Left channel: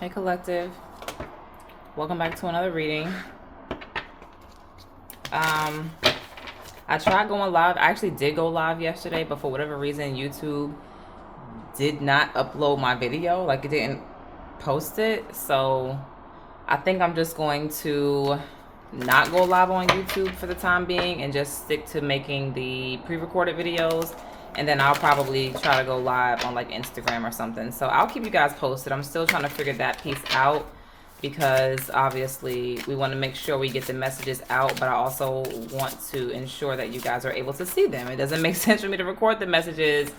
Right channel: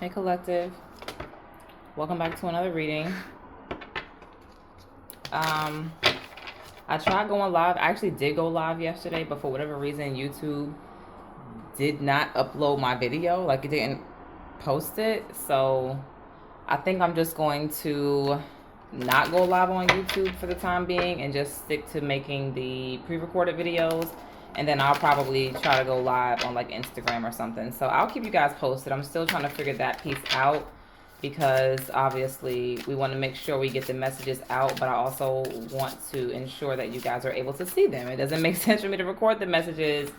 Hey, collective. Welcome back to another reading. Um, I tried going live. I actually did go live yesterday, but for whatever reason, YouTube did not upload my video. Like, it didn't post it. So I think I'm just going to not go live on YouTube for the time being and just stick to making the pre-recorded videos. And then I'll probably try to go live on like Instagram or something. So I'll keep you guys posted. I'm still trying to figure that piece out because obviously we want to make sure we get the messages out, but I also want to ensure that you guys are able to see them. It doesn't make sense for me to record the messages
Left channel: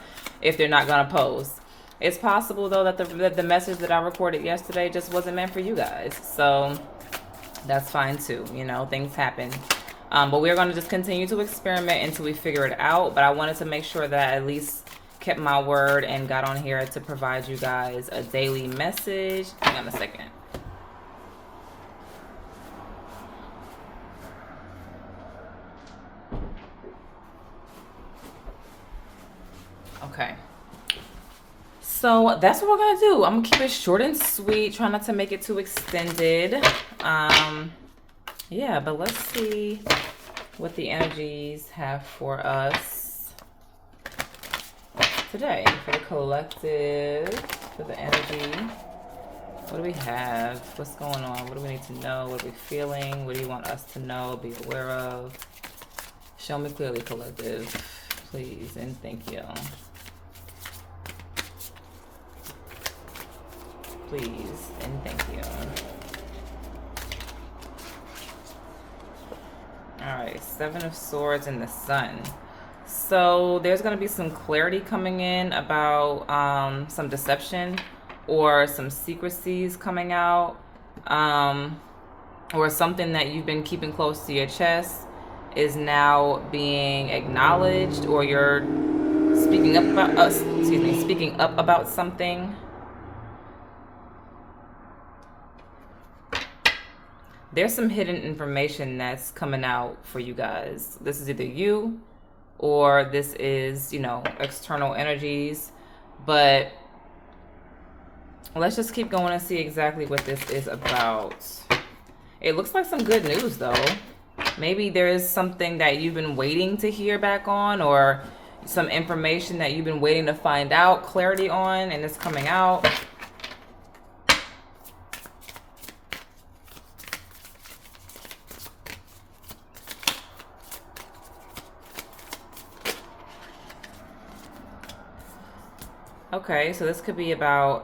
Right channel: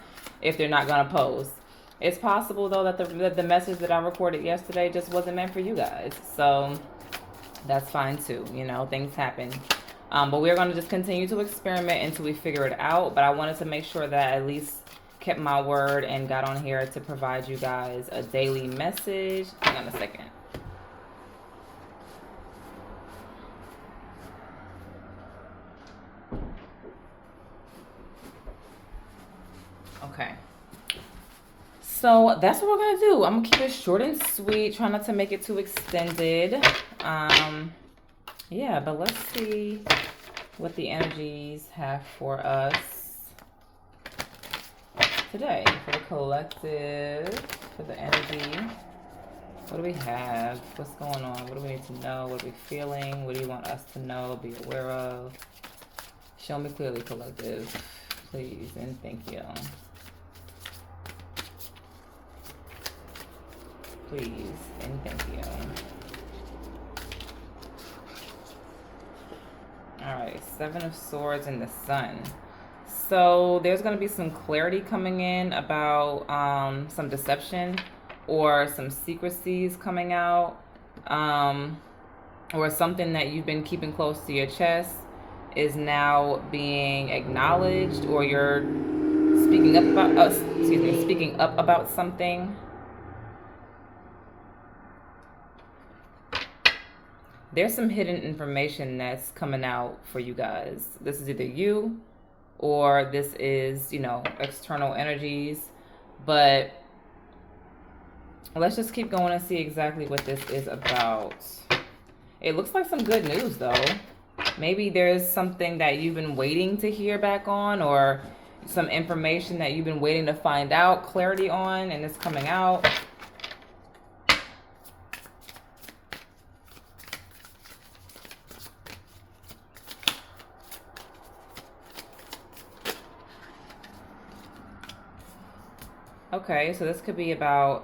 if they're not going to post. It's possible though that the message that I recorded yesterday just wasn't meant for you guys. So that's fine too. You know, things happen. But we're going to just continue to experiment until we figure it out. But I wanted to make sure that I at least kept my word and got on here to provide you guys a daily message. Hang on a second. Okay. So that's what we're going to do. I'm going to keep it short and sweet. Try not to make it too extended. Yeah, but let's see what the energies have for us today. For the collective, for the energy. What do we have? What's going on? What do we need to know? What are we feeling? What do you want us to know, be aware of? Show me clearly, collective. Please and thank you. Please and thank you. All right, Seven of Swords and the Sun. So there's going to be some clarity coming in about some deception or some secrecies coming out, or something that you've been keeping close to your chest is now being acknowledged, or you're speaking up about speaking up about something. There's some hidden information that's coming out for you guys. This is either you or this is, you know, external energies. But let's just keep going and see exactly what this is about. It looks like some good news, though. Maybe there's something that you've been waiting to hear back on, or some information that you've been waiting to find out clarity on, and it's coming out. Okay, so this could be about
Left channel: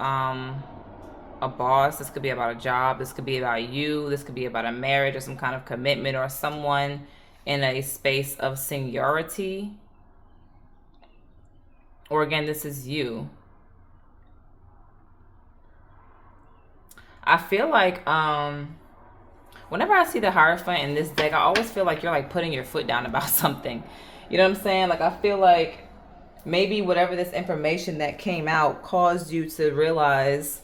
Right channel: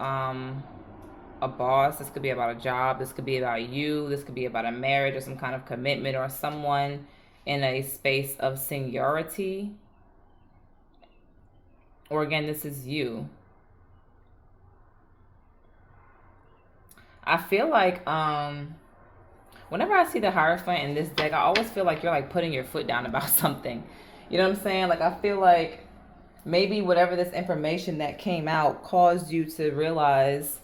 a boss. This could be about a job. This could be about you. This could be about a marriage or some kind of commitment, or someone in a space of seniority. Or again, this is you. I feel like whenever I see the Hierophant in this deck, I always feel like you're like putting your foot down about something. You know what I'm saying? Like, I feel like maybe whatever this information that came out caused you to realize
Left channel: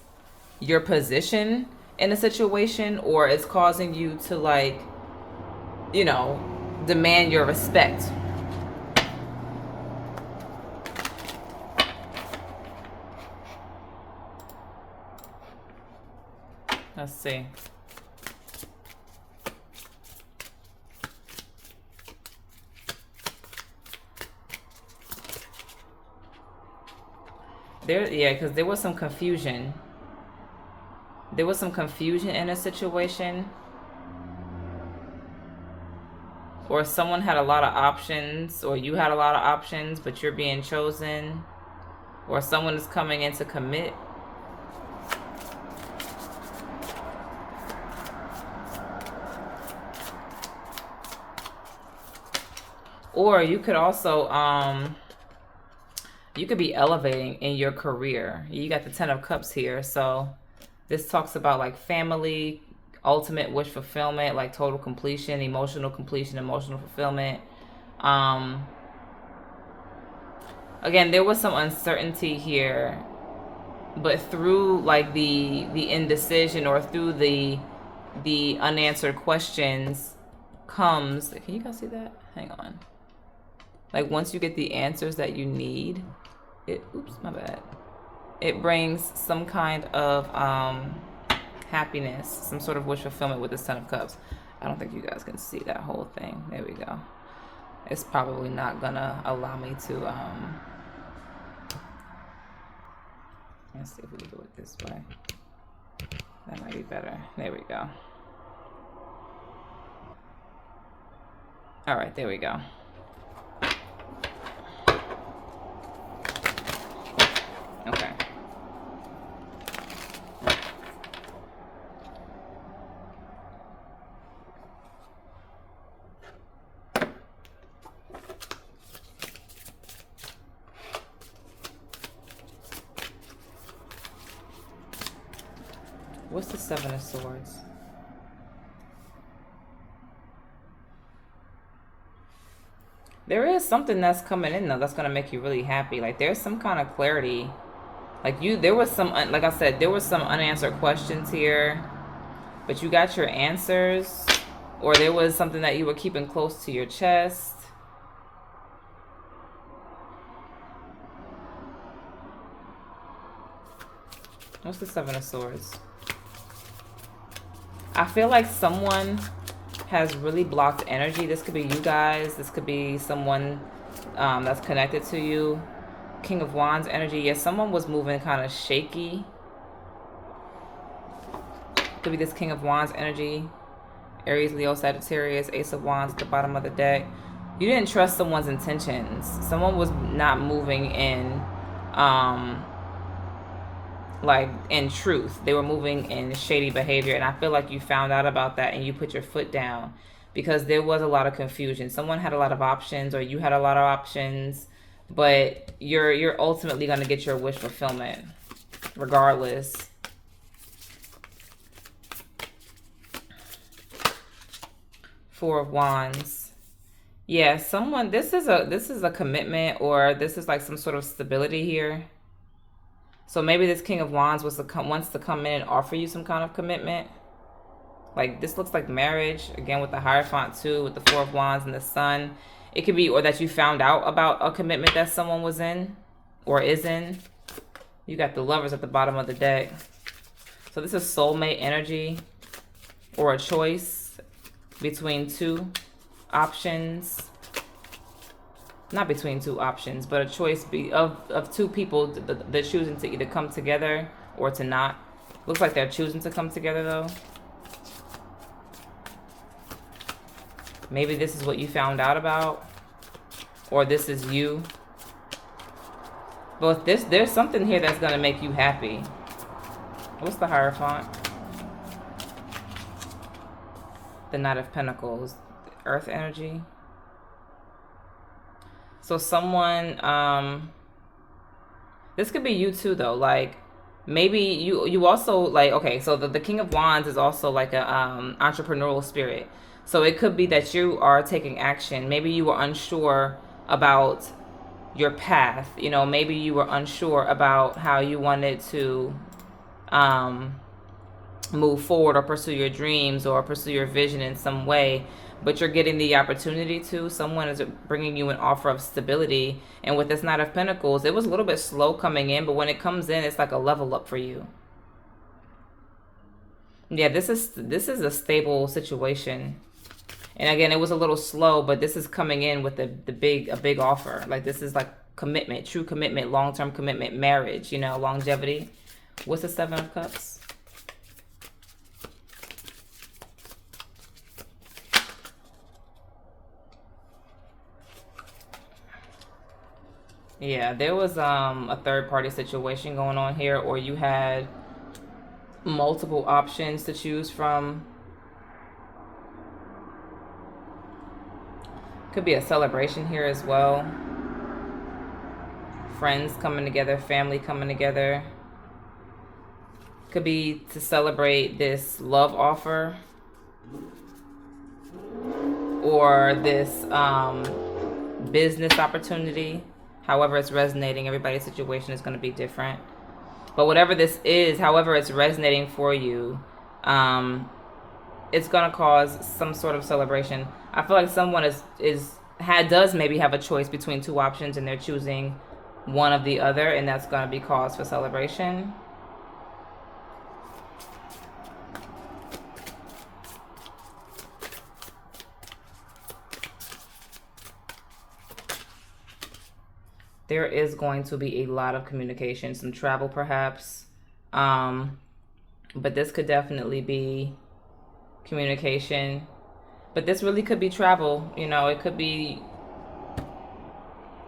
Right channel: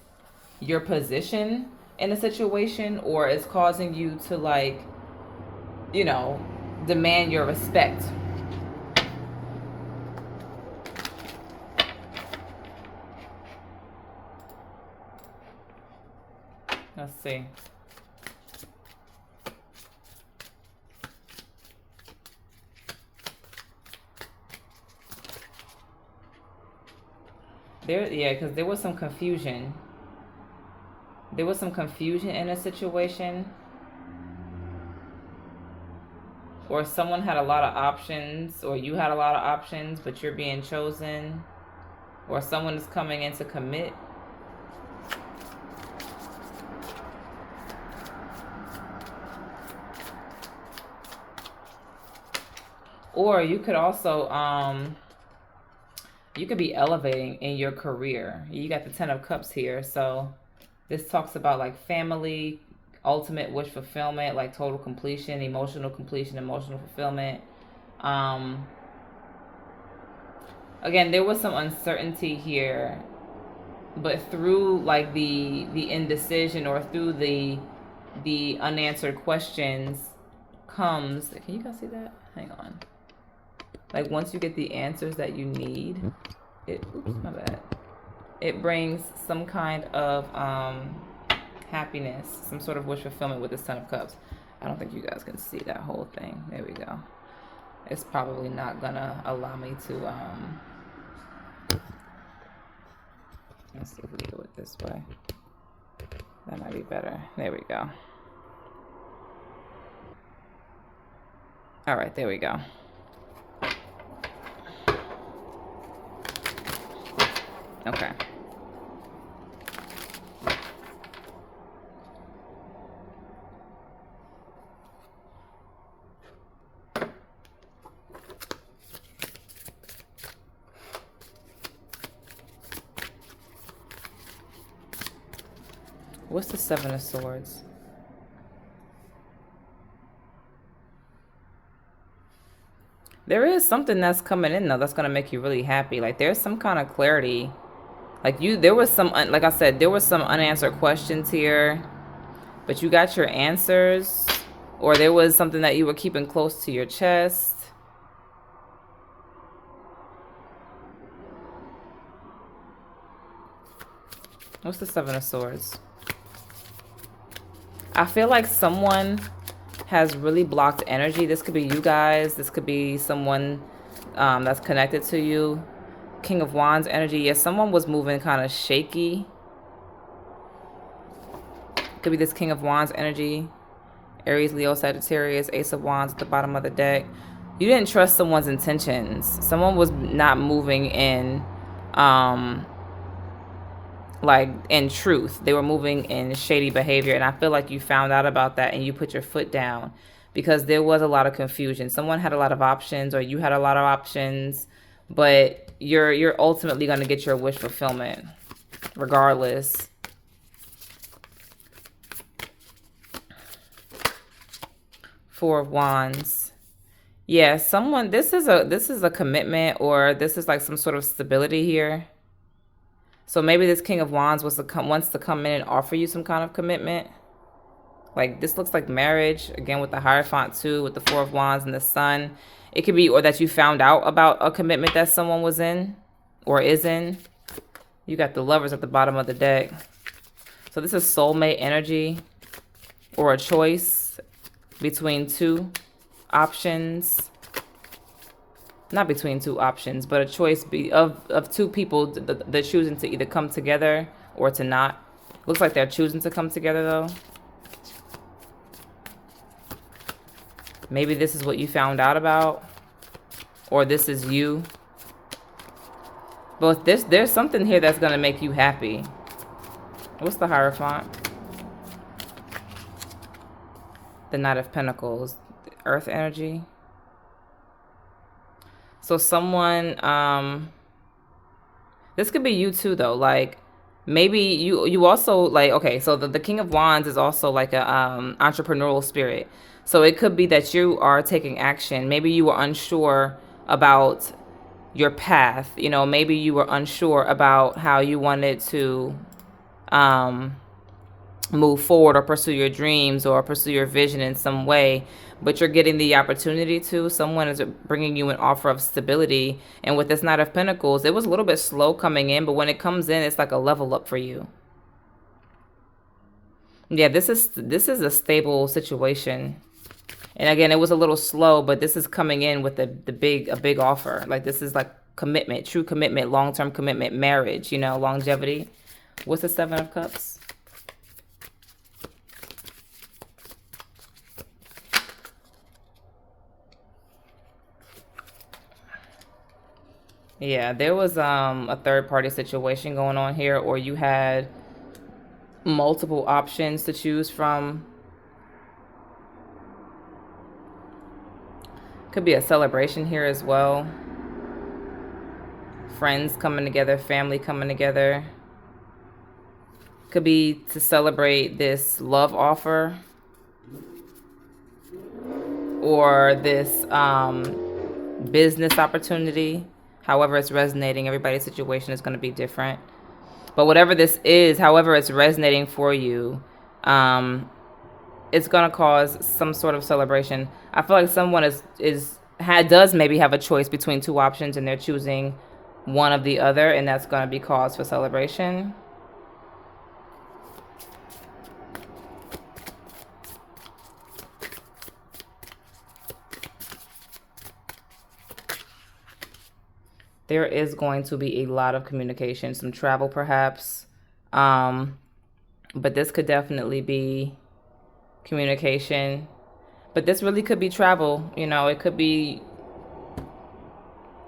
your position in a situation, or it's causing you to, like, you know, demand your respect. Let's see. Yeah, because there was some confusion. There was some confusion in a situation, or someone had a lot of options, or you had a lot of options, but you're being chosen, or someone is coming in to commit. Or you could also you could be elevating in your career. You got the Ten of Cups here, so this talks about like family, ultimate wish fulfillment, like total completion, emotional fulfillment. Again, there was some uncertainty here, but through like the indecision, or through the unanswered questions comes, can you guys see that? Hang on. Like, once you get the answers that you need, it brings some kind of happiness, some sort of wish fulfillment with the Ten of Cups. I don't think you guys can see that whole thing. There we go. It's probably not gonna allow me to, let's see if we can do it this way. That might be better. There we go. All right, there we go. Okay. What's the Seven of Swords? There is something that's coming in though that's gonna make you really happy. Like there's some kind of clarity. Like there was some, like I said, there was some unanswered questions here, but you got your answers, or there was something that you were keeping close to your chest. What's the Seven of Swords? I feel like someone has really blocked energy. This could be you guys. This could be someone that's connected to you. King of Wands energy. Yes, someone was moving kind of shaky. Could be this King of Wands energy. Aries, Leo, Sagittarius, Ace of Wands at the bottom of the deck. You didn't trust someone's intentions. Someone was not moving in like in truth. They were moving in shady behavior, and I feel like you found out about that and you put your foot down because there was a lot of confusion. Someone had a lot of options, or you had a lot of options, but you're ultimately going to get your wish fulfillment regardless. Four of Wands. Yeah, someone, this is a commitment, or this is like some sort of stability here. So maybe this King of Wands wants to come in and offer you some kind of commitment. Like this looks like marriage, again with the Hierophant too, with the Four of Wands and the Sun. It could be, or that you found out about a commitment that someone was in or is in. You got the Lovers at the bottom of the deck. So this is soulmate energy, or a choice between two options. Not between two options, but a choice of two people they're choosing to either come together or to not. Looks like they're choosing to come together though. Maybe this is what you found out about, or this is you. But there's something here that's gonna make you happy. What's the Hierophant? The Knight of Pentacles, Earth energy. So someone, this could be you too though. Like maybe you also like, okay, so the King of Wands is also like a entrepreneurial spirit. So it could be that you are taking action. Maybe you were unsure about your path. You know, maybe you were unsure about how you wanted to move forward or pursue your dreams or pursue your vision in some way, but you're getting the opportunity to. Someone is bringing you an offer of stability. And with this Knight of Pentacles, it was a little bit slow coming in, but when it comes in, it's like a level up for you. Yeah, this is a stable situation. And again, it was a little slow, but this is coming in with a big offer. Like this is like commitment, true commitment, long-term commitment, marriage, you know, longevity. What's the Seven of Cups? Yeah, there was a third-party situation going on here, or you had multiple options to choose from. Could be a celebration here as well. Friends coming together, family coming together. Could be to celebrate this love offer, or this business opportunity. However it's resonating, everybody's situation is going to be different. But whatever this is, however it's resonating for you, it's going to cause some sort of celebration. I feel like someone does maybe have a choice between two options, and they're choosing one of the other, and that's going to be cause for celebration. There is going to be a lot of communication, some travel perhaps. Um, but this could definitely be communication. But this really could be travel. You know, it could be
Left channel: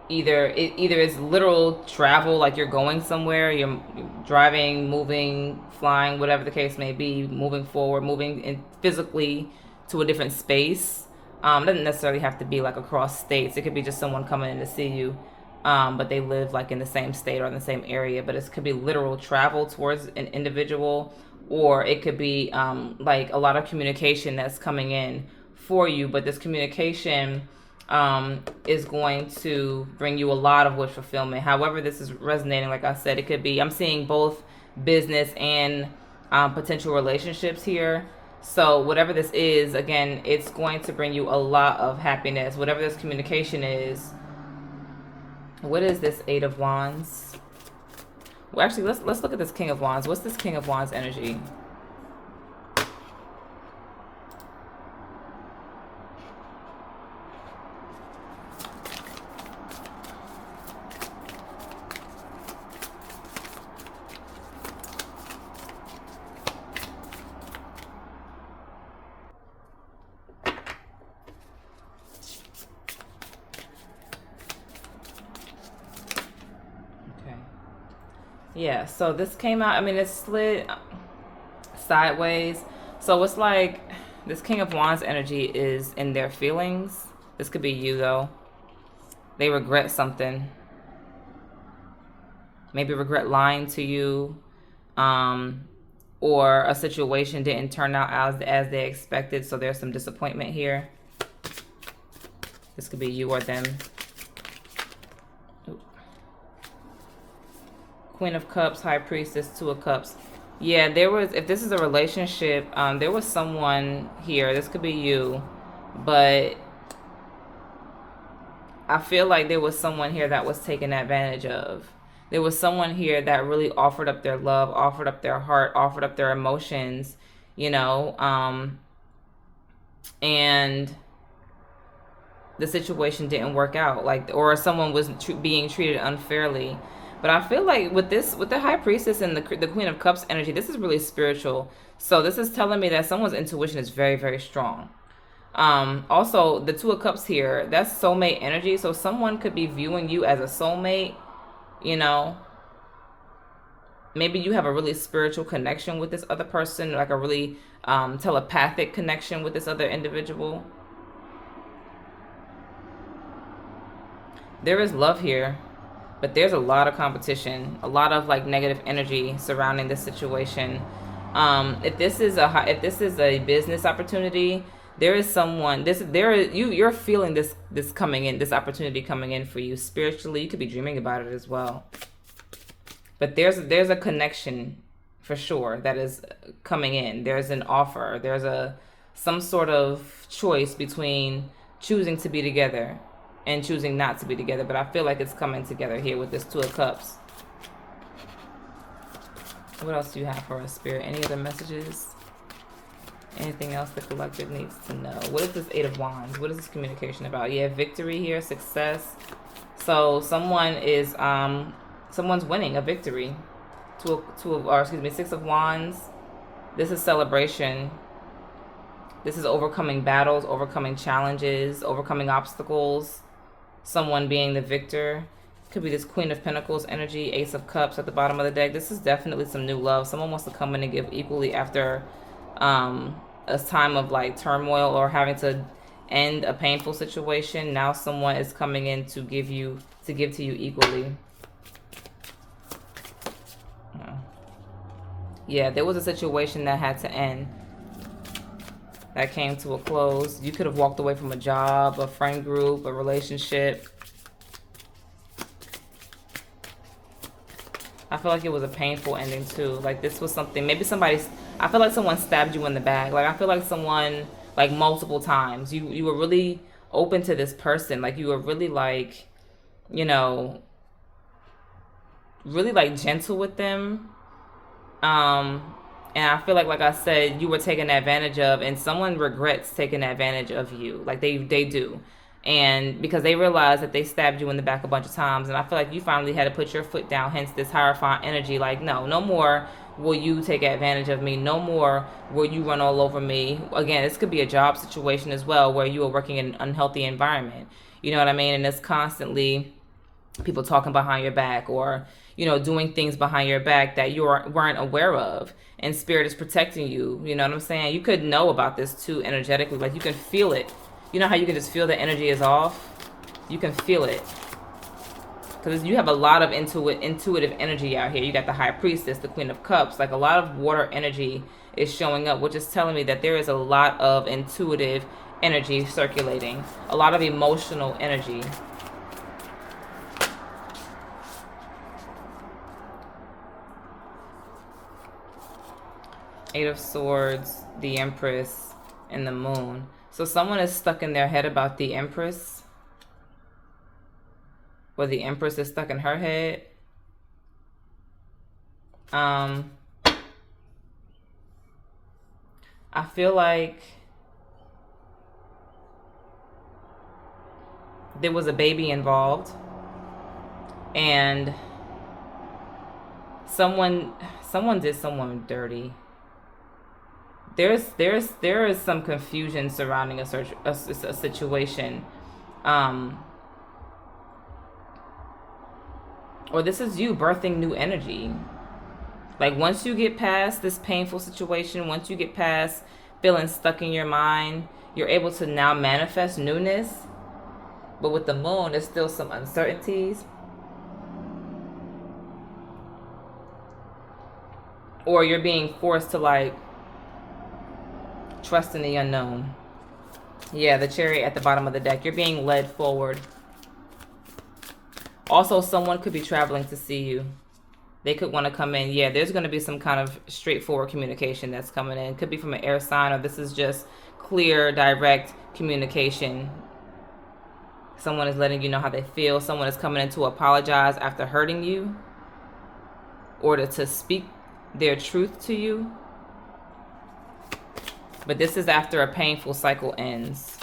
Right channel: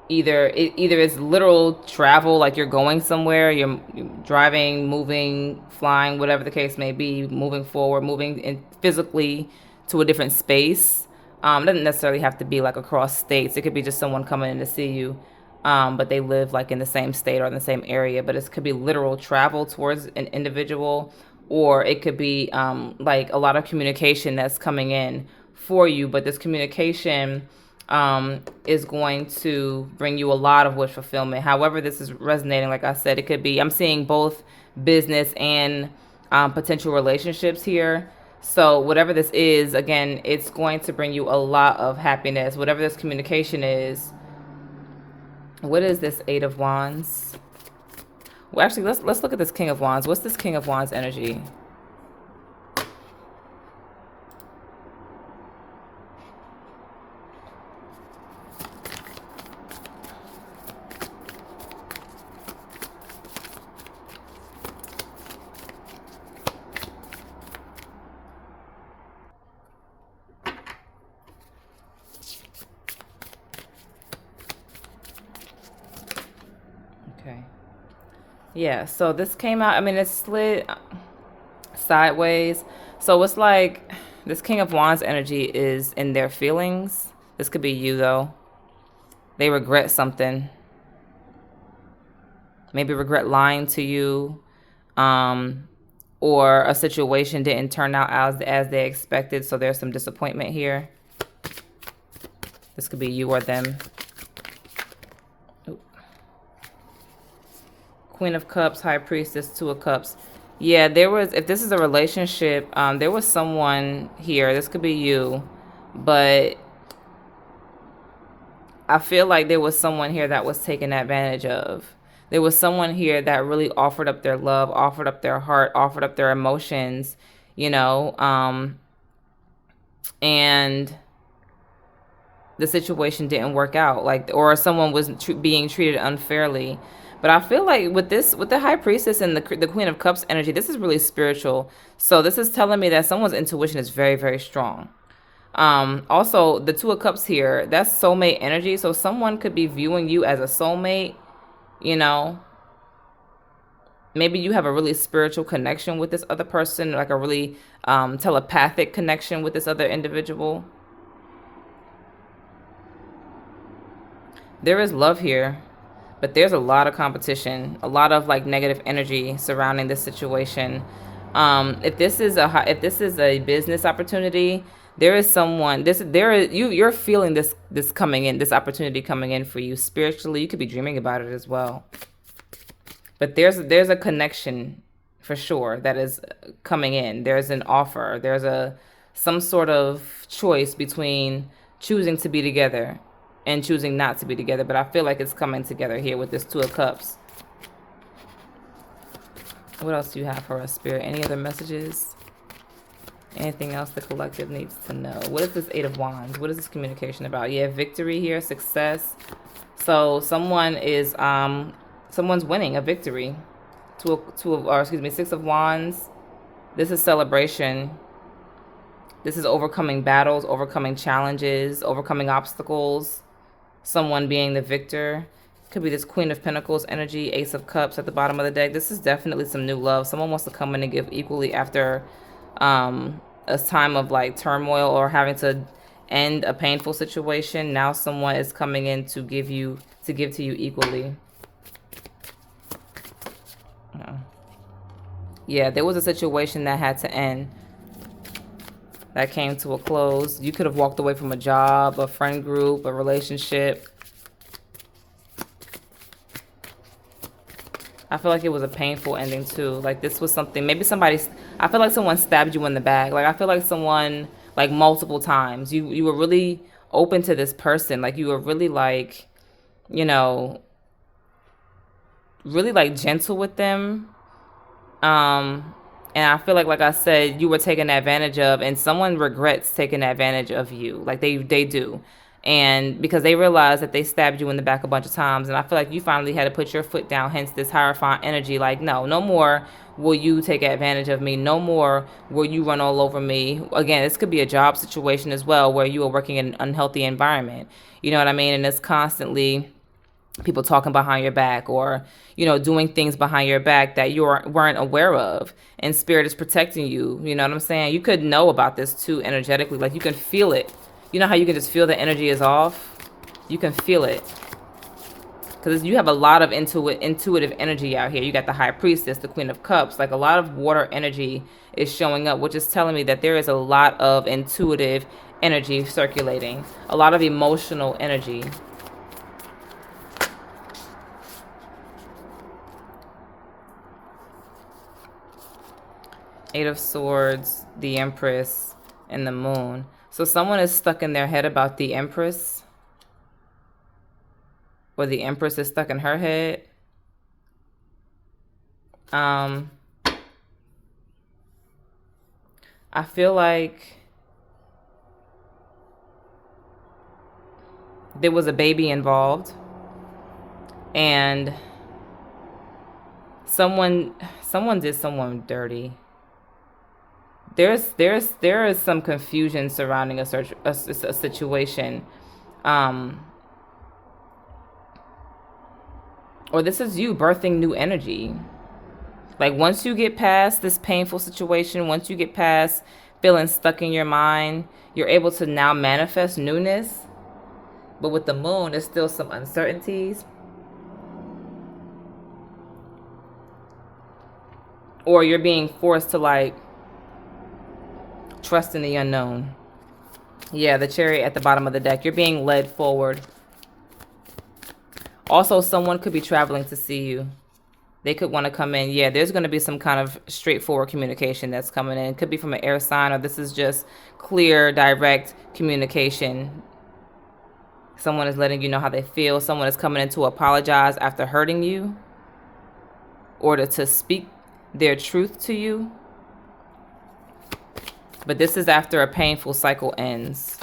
either it's literal travel, like you're going somewhere, you're driving, moving, flying, whatever the case may be, moving forward, moving in physically to a different space. It doesn't necessarily have to be like across states. It could be just someone coming in to see you, but they live like in the same state or in the same area. But it could be literal travel towards an individual, or it could be like a lot of communication that's coming in for you. But this communication is going to bring you a lot of wish fulfillment. However, this is resonating, like I said, it could be, I'm seeing both business and potential relationships here. So, whatever this is, again, it's going to bring you a lot of happiness. Whatever this communication is. What is this Eight of Wands? Well, actually, let's look at this King of Wands. What's this King of Wands energy? Okay. Yeah, so this came out, I mean, it slid sideways. So it's like this King of Wands energy is in their feelings. This could be you, though. They regret something. Maybe regret lying to you. Or a situation didn't turn out as they expected, so there's some disappointment here. This could be you or them. Ooh. Queen of Cups, High Priestess, Two of Cups. Yeah, there was, if this is a relationship, there was someone here. This could be you, but I feel like there was someone here that was taken advantage of. There was someone here that really offered up their love, offered up their heart, offered up their emotions, you know, and the situation didn't work out, like, or someone was being treated unfairly. But I feel like with this, with the High Priestess and the Queen of Cups energy, this is really spiritual. So this is telling me that someone's intuition is very, very strong. Also, the Two of Cups here, that's soulmate energy. So someone could be viewing you as a soulmate, you know. Maybe you have a really spiritual connection with this other person, like a really telepathic connection with this other individual. There is love here, but there's a lot of competition, a lot of like negative energy surrounding this situation. If this is a business opportunity, there is someone, you're feeling this coming in, this opportunity coming in for you spiritually. You could be dreaming about it as well. But there's a connection for sure that is coming in. There's an offer. There's some sort of choice between choosing to be together and choosing not to be together. But I feel like it's coming together here with this Two of Cups. What else do you have for us, Spirit? Any other messages? Anything else the collective needs to know? What is this Eight of Wands? What is this communication about? Yeah, victory here, success. So someone is someone's winning a victory. Six of Wands. This is celebration. This is overcoming battles, overcoming challenges, overcoming obstacles. Someone being the victor. Could be this Queen of Pentacles energy, Ace of Cups at the bottom of the deck. This is definitely some new love. Someone wants to come in and give equally after a time of like turmoil or having to end a painful situation. Now someone is coming in to give to you equally. Yeah, there was a situation that had to end, that came to a close. You could have walked away from a job, a friend group, a relationship. I feel like it was a painful ending too. Like this was something, maybe I feel like someone stabbed you in the back. Like I feel like someone, like multiple times, you were really open to this person. Like you were really like, you know, really like gentle with them. And I feel like I said, you were taken advantage of, and someone regrets taking advantage of you. Like they do. And because they realized that they stabbed you in the back a bunch of times, and I feel like you finally had to put your foot down, hence this Hierophant energy. Like, no more will you take advantage of me. No more will you run all over me. Again, this could be a job situation as well, where you are working in an unhealthy environment. You know what I mean? And it's constantly people talking behind your back, or doing things behind your back that weren't aware of, and spirit is protecting you. You know what I'm saying? You could know about this too energetically. Like, you can feel it. You know how you can just feel the energy is off? You can feel it. Because you have a lot of intuitive energy out here. You got the High Priestess, the Queen of Cups. Like, a lot of water energy is showing up, which is telling me that there is a lot of intuitive energy circulating. A lot of emotional energy. Eight of Swords, the Empress, and the Moon. So someone is stuck in their head about the Empress. Or the Empress is stuck in her head. I feel like there was a baby involved. And someone did someone dirty. There is some confusion surrounding a situation, or this is you birthing new energy. Like, once you get past this painful situation, once you get past feeling stuck in your mind, you're able to now manifest newness. But with the Moon, there's still some uncertainties. Or you're being forced to, like, trust in the unknown. Yeah, the Chariot at the bottom of the deck. You're being led forward. Also, someone could be traveling to see you. They could want to come in. Yeah, there's going to be some kind of straightforward communication that's coming in. It could be from an air sign, or this is just clear, direct communication. Someone is letting you know how they feel. Someone is coming in to apologize after hurting you, or to speak their truth to you. But this is after a painful cycle ends.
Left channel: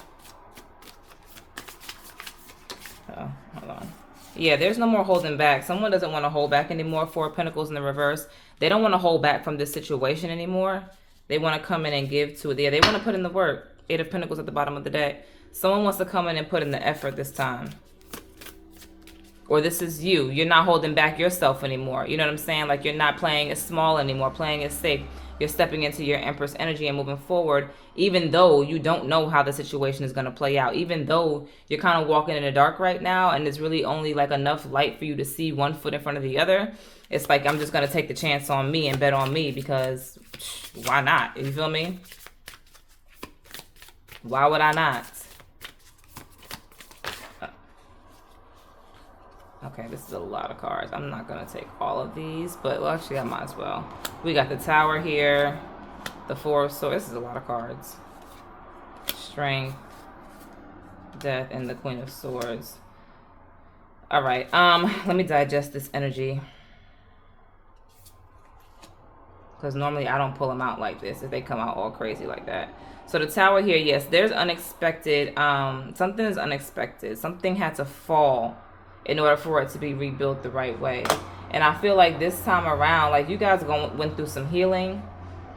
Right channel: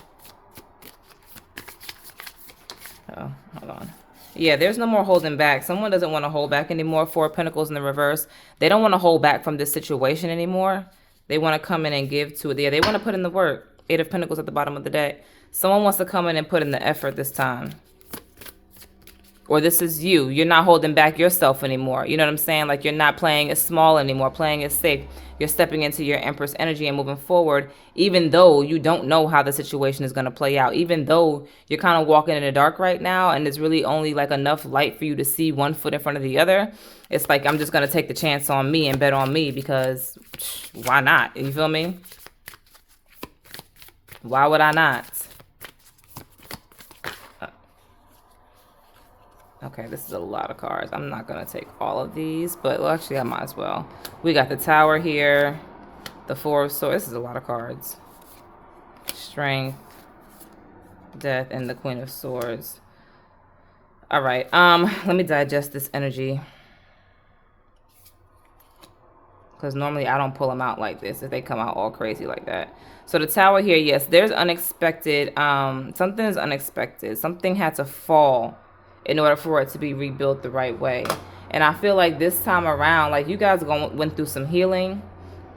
Oh, hold on. Yeah, there's no more holding back. Someone doesn't want to hold back anymore. Four of Pentacles in the reverse. They don't want to hold back from this situation anymore. They want to come in and give to it. Yeah, they want to put in the work. Eight of Pentacles at the bottom of the deck. Someone wants to come in and put in the effort this time. Or this is you. You're not holding back yourself anymore. You know what I'm saying? Like, you're not playing it small anymore, playing it safe. You're stepping into your Empress energy and moving forward, even though you don't know how the situation is going to play out. Even though you're kind of walking in the dark right now, and there's really only like enough light for you to see one foot in front of the other. It's like, I'm just going to take the chance on me and bet on me, because why not? You feel me? Why would I not? Okay, this is a lot of cards. I'm not going to take all of these, but well, actually I might as well. We got the Tower here, the Four of Swords. This is a lot of cards. Strength, Death, and the Queen of Swords. All right, let me digest this energy, because normally I don't pull them out like this if they come out all crazy like that. So the Tower here, yes, there's unexpected, something is unexpected. Something had to fall in order for it to be rebuilt the right way. And I feel like this time around, like, you guys went through some healing.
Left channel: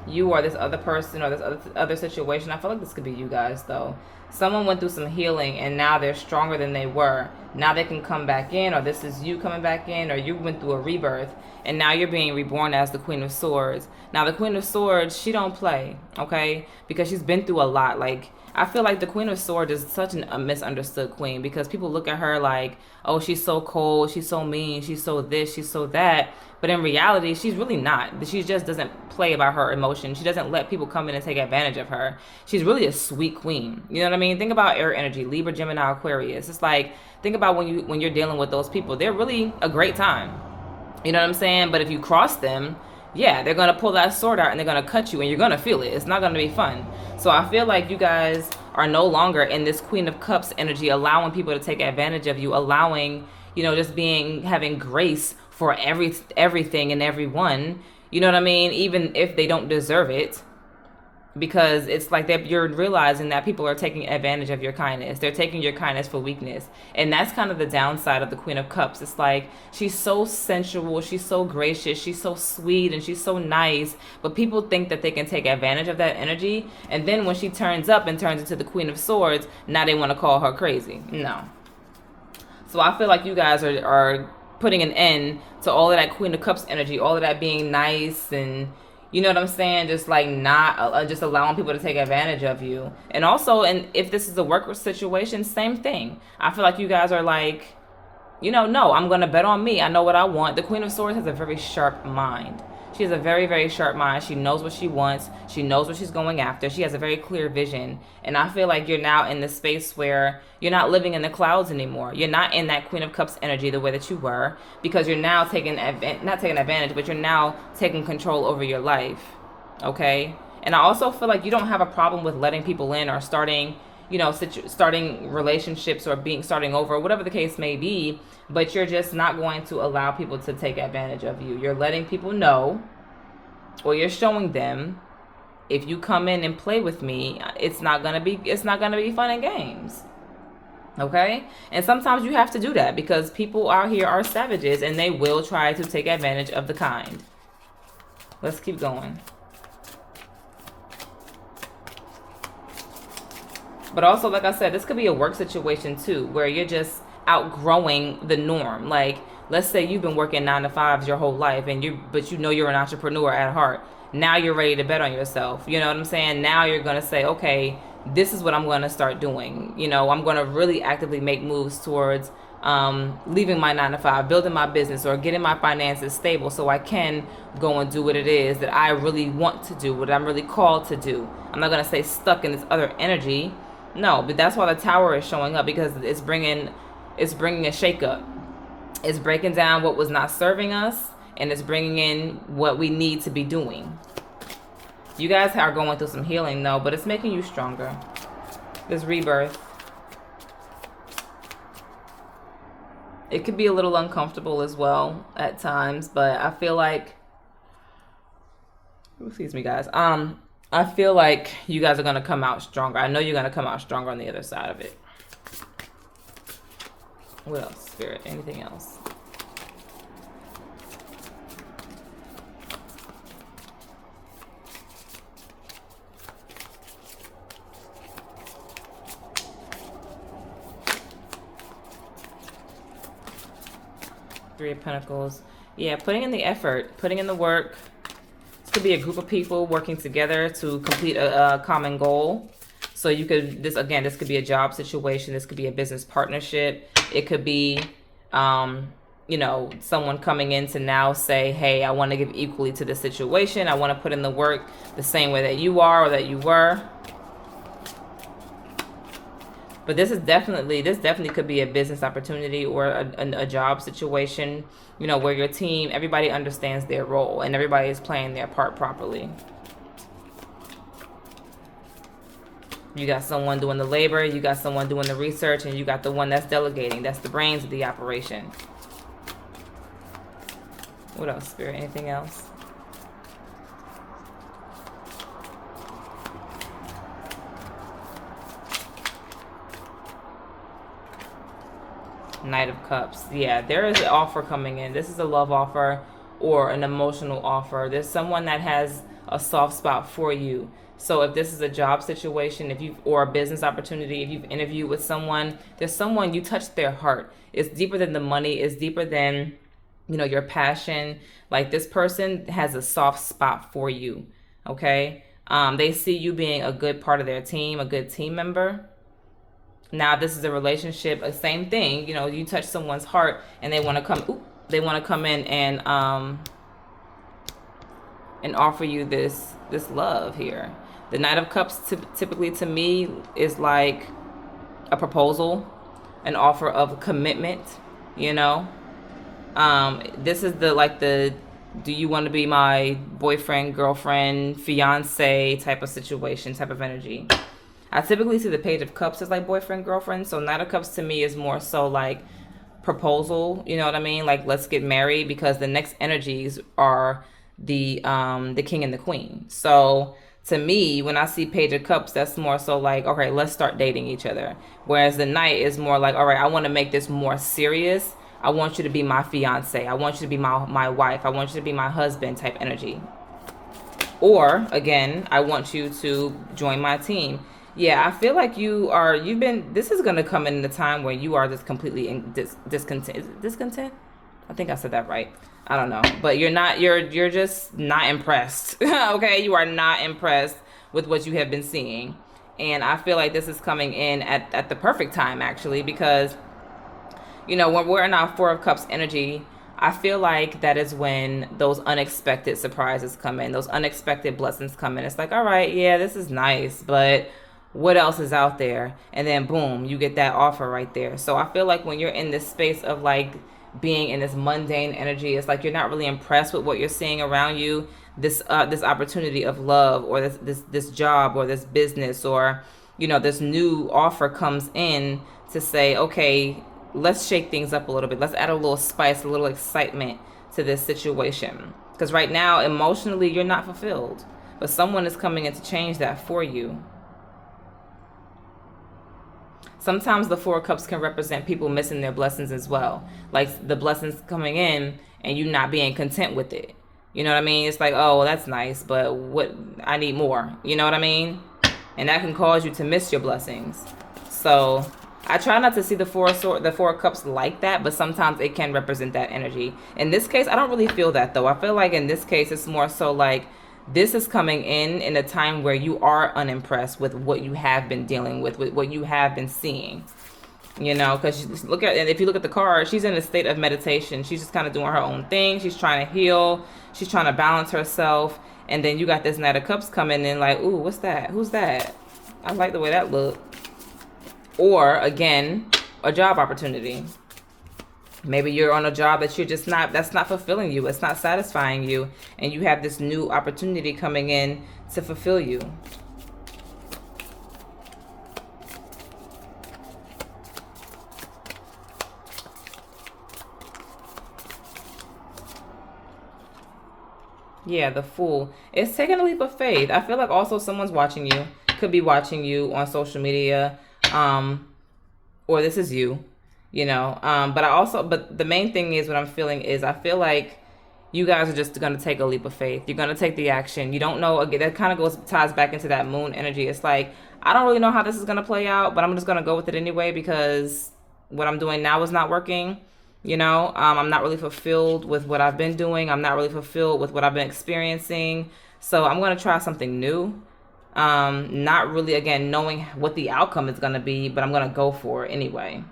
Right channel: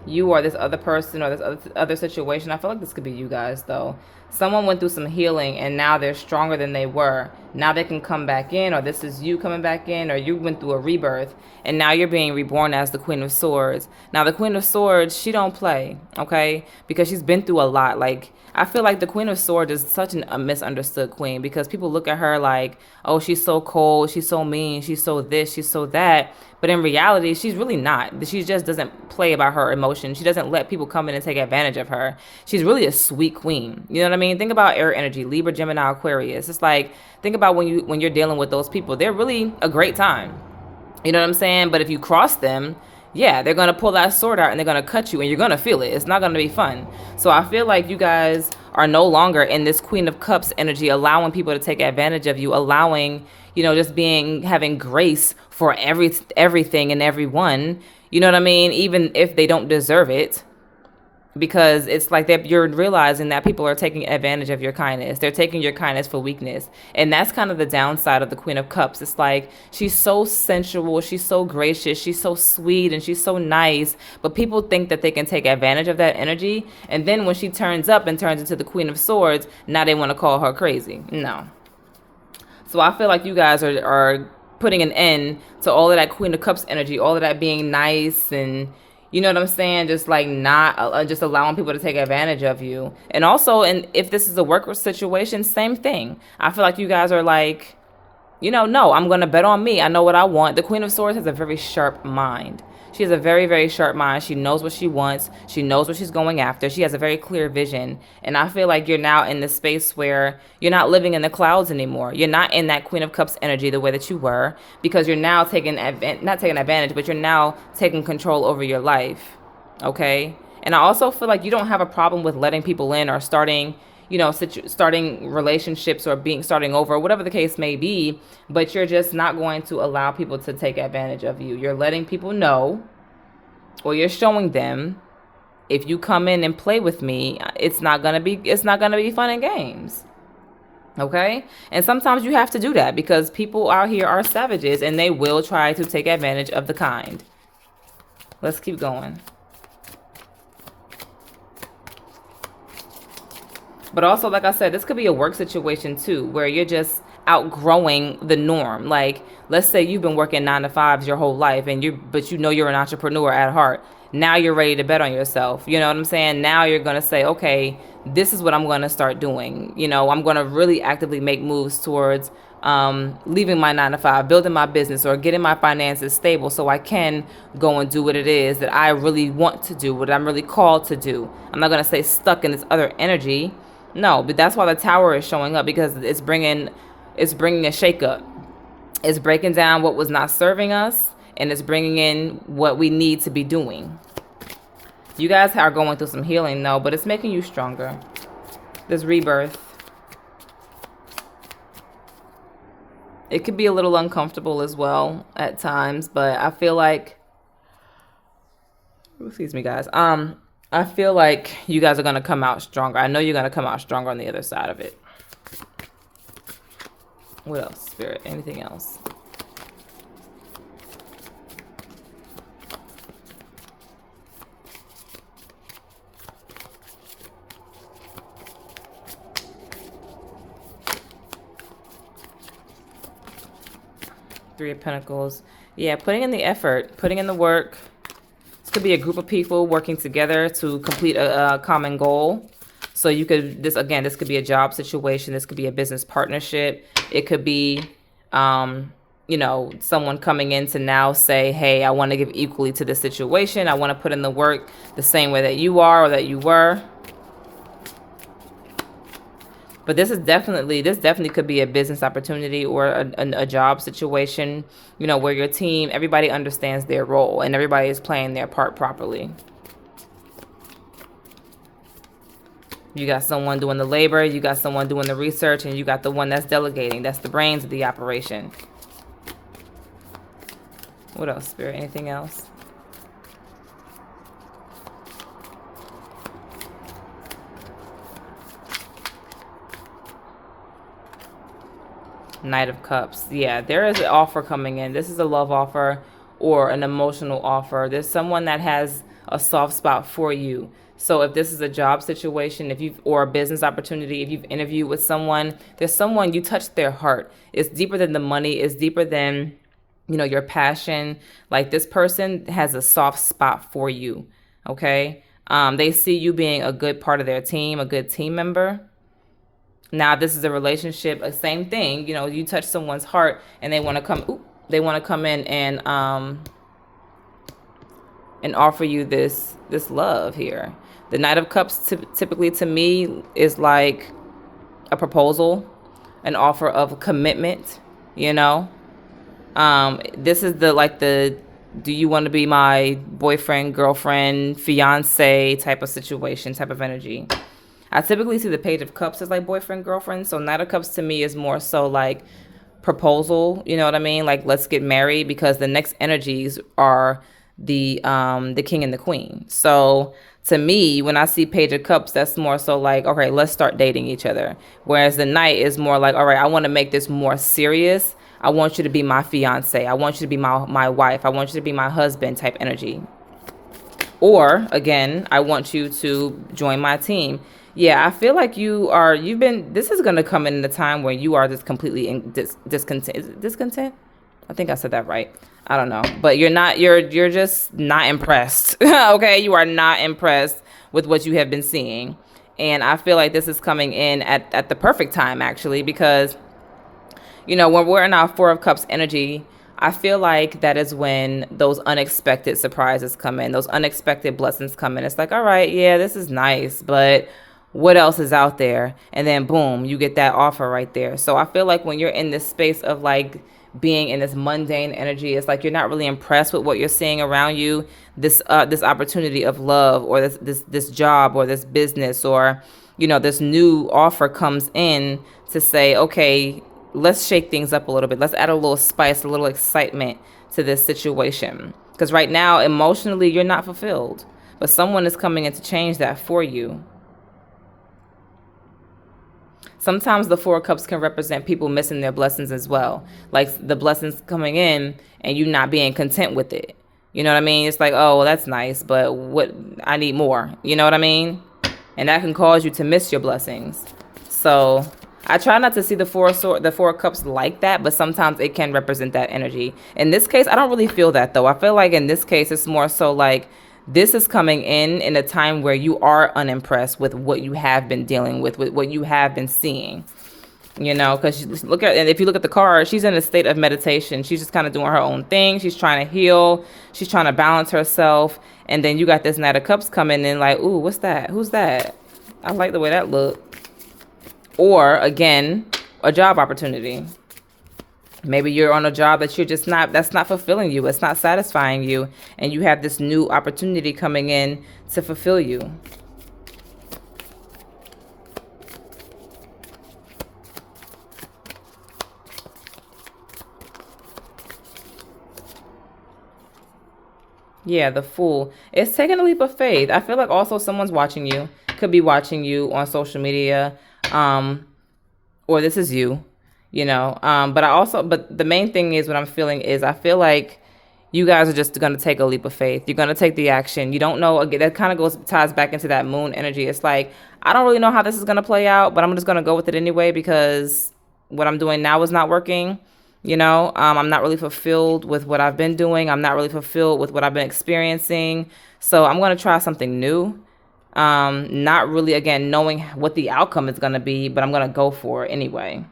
You or this other person or this other situation. I feel like this could be you guys, though. Someone went through some healing, and now they're stronger than they were. Now they can come back in, or this is you coming back in, or you went through a rebirth, and now you're being reborn as the Queen of Swords. Now, the Queen of Swords, she don't play, okay? Because she's been through a lot. Like, I feel like the Queen of Swords is such a misunderstood queen, because people look at her like, oh, she's so cold, she's so mean, she's so this, she's so that. But in reality, she's really not. She just doesn't play about her emotions. She doesn't let people come in and take advantage of her. She's really a sweet queen. You know what I mean? Think about air energy, Libra, Gemini, Aquarius. It's like, think about when you're dealing with those people. They're really a great time. You know what I'm saying? But if you cross them, yeah, they're going to pull that sword out and they're going to cut you, and you're going to feel it. It's not going to be fun. So I feel like you guys are no longer in this Queen of Cups energy, allowing people to take advantage of you, allowing, just having grace for everything and everyone. You know what I mean? Even if they don't deserve it. because it's like that you're realizing that people are taking advantage of your kindness. They're taking your kindness for weakness. And that's kind of the downside of the Queen of Cups. It's like she's so sensual, she's so gracious, she's so sweet, and she's so nice, but people think that they can take advantage of that energy. And then when she turns up and turns into the Queen of Swords, now they want to call her crazy. No. So I feel like you guys are putting an end to all of that Queen of Cups energy, all of that being nice and, you know what I'm saying? Just like not just allowing people to take advantage of you. And also, and if this is a work situation, same thing. I feel like you guys are like, no, I'm going to bet on me. I know what I want. The Queen of Swords has a very sharp mind. She has a very, very sharp mind. She knows what she wants. She knows what she's going after. She has a very clear vision. And I feel like you're now in the space where you're not living in the clouds anymore. You're not in that Queen of Cups energy the way that you were, because you're now not taking advantage, but you're now taking control over your life. Okay? And I also feel like you don't have a problem with letting people in or starting starting relationships or starting over, whatever the case may be, but you're just not going to allow people to take advantage of you. You're letting people know, or you're showing them, if you come in and play with me, it's not gonna be fun and games. Okay? And sometimes you have to do that because people out here are savages and they will try to take advantage of the kind. Let's keep going. But also, like I said, this could be a work situation too, where you're just outgrowing the norm. Like, let's say you've been working 9 to 5s your whole life, but you're an entrepreneur at heart. Now you're ready to bet on yourself. You know what I'm saying? Now you're gonna say, okay, this is what I'm gonna start doing. I'm gonna really actively make moves towards leaving my 9 to 5, building my business, or getting my finances stable so I can go and do what it is that I really want to do, what I'm really called to do. I'm not gonna stay stuck in this other energy. No, but that's why the Tower is showing up, because it's bringing a shakeup. It's breaking down what was not serving us, and it's bringing in what we need to be doing. You guys are going through some healing, though, but it's making you stronger. This rebirth. It could be a little uncomfortable as well at times, but I feel like, excuse me, guys. I feel like you guys are going to come out stronger. I know you're going to come out stronger on the other side of it. What else, Spirit? Anything else? Three of Pentacles. Yeah, putting in the effort, putting in the work. Could be a group of people working together to complete a common goal. So you could, this could be a job situation. This could be a business partnership. It could be, someone coming in to now say, hey, I want to give equally to this situation. I want to put in the work the same way that you are or that you were. But this definitely could be a business opportunity or a job situation, where your team, everybody understands their role and everybody is playing their part properly. You got someone doing the labor, you got someone doing the research, and you got the one that's delegating. That's the brains of the operation. What else, Spirit? Anything else? Knight of Cups. Yeah, there is an offer coming in. This is a love offer or an emotional offer. There's someone that has a soft spot for you. So if this is a job situation, or a business opportunity, if you've interviewed with someone, there's someone you touched their heart. It's deeper than the money. It's deeper than, your passion. Like, this person has a soft spot for you. Okay. They see you being a good part of their team, a good team member. Now, this is a relationship, a same thing. You touch someone's heart and they want to come in and offer you this love here. The Knight of Cups typically to me is like a proposal, an offer of commitment, This is the do you want to be my boyfriend, girlfriend, fiance type of situation, type of energy. I typically see the Page of Cups as like boyfriend, girlfriend. So Knight of Cups to me is more so like proposal. You know what I mean? Like, let's get married, because the next energies are the king and the queen. So to me, when I see Page of Cups, that's more so like, okay, let's start dating each other. Whereas the Knight is more like, all right, I want to make this more serious. I want you to be my fiance. I want you to be my wife. I want you to be my husband type energy. Or again, I want you to join my team. Yeah, I feel like this is going to come in a time where you are just completely discontent. Is it discontent? I think I said that right. I don't know. But you're just not impressed. Okay? You are not impressed with what you have been seeing. And I feel like this is coming in at the perfect time, actually, because when we're in our Four of Cups energy, I feel like that is when those unexpected surprises come in, those unexpected blessings come in. It's like, all right, yeah, this is nice, but what else is out there? And then boom, you get that offer right there. So I feel like when you're in this space of like being in this mundane energy, it's like you're not really impressed with what you're seeing around you. This opportunity of love, or this job, or this business, or this new offer comes in to say, okay, let's shake things up a little bit. Let's add a little spice, a little excitement to this situation. Because right now, emotionally, you're not fulfilled. But someone is coming in to change that for you. Sometimes the Four of Cups can represent people missing their blessings as well. Like the blessings coming in and you not being content with it. You know what I mean? It's like, oh, well, that's nice, but I need more. You know what I mean? And that can cause you to miss your blessings. So I try not to see the Four of Cups like that, but sometimes it can represent that energy. In this case, I don't really feel that, though. I feel like in this case, it's more so like this is coming in a time where you are unimpressed with what you have been dealing with what you have been seeing. Because if you look at the card, she's in a state of meditation. She's just kind of doing her own thing. She's trying to heal. She's trying to balance herself. And then you got this Knight of Cups coming in like, ooh, what's that? Who's that? I like the way that looked. Or again, a job opportunity. Maybe you're on a job that that's not fulfilling you. It's not satisfying you. And you have this new opportunity coming in to fulfill you. Yeah, the Fool. It's taking a leap of faith. I feel like also someone's watching you. Could be watching you on social media. Or this is you. But the main thing is what I'm feeling is I feel like you guys are just going to take a leap of faith. You're going to take the action. You don't know. Again, that kind of ties back into that moon energy. It's like, I don't really know how this is going to play out, but I'm just going to go with it anyway because what I'm doing now is not working. I'm not really fulfilled with what I've been doing. I'm not really fulfilled with what I've been experiencing. So I'm going to try something new. Not really, again, knowing what the outcome is going to be, but I'm going to go for it anyway.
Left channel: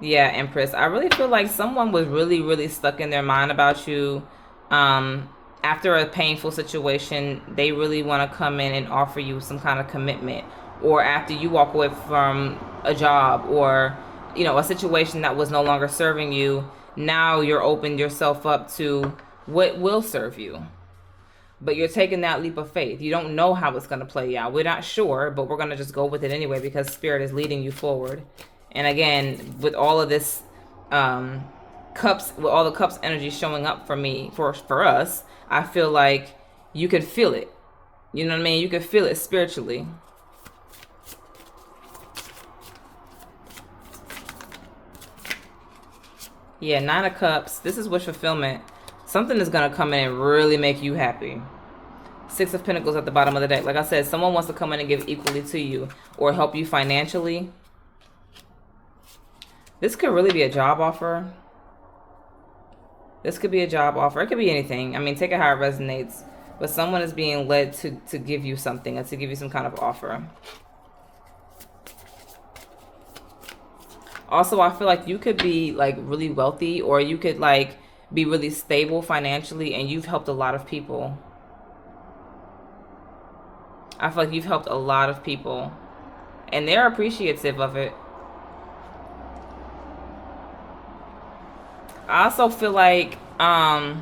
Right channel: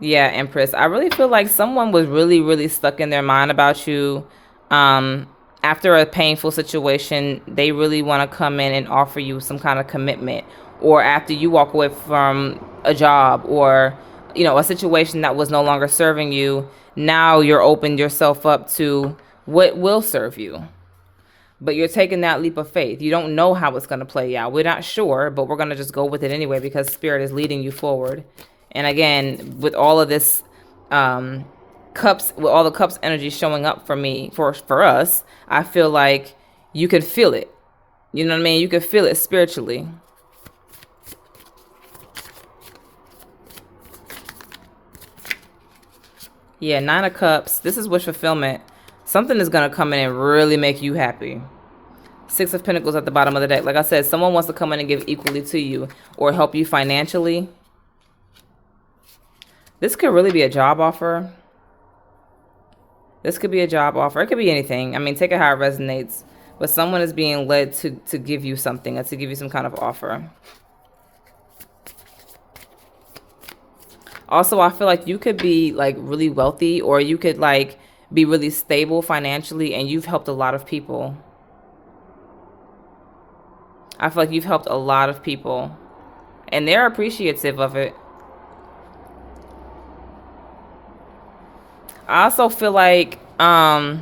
Yeah, Empress. I really feel like someone was really, really stuck in their mind about you. After a painful situation, they really want to come in and offer you some kind of commitment. Or after you walk away from a job or, a situation that was no longer serving you, now you're opened yourself up to what will serve you. But you're taking that leap of faith. You don't know how it's going to play out. We're not sure, but we're going to just go with it anyway because Spirit is leading you forward. And again, with all of this cups, with all the cups energy showing up for me, for us, I feel like you could feel it. You know what I mean? You could feel it spiritually. Yeah, Nine of Cups. This is wish fulfillment. Something is going to come in and really make you happy. Six of Pentacles at the bottom of the deck. Like I said, someone wants to come in and give equally to you or help you financially. This could really be a job offer. This could be a job offer. It could be anything. I mean, take it how it resonates. But someone is being led to give you something, or to give you some kind of offer. Also, I feel like you could be like really wealthy, or you could like be really stable financially, and you've helped a lot of people. I feel like you've helped a lot of people, and they're appreciative of it. I also feel like I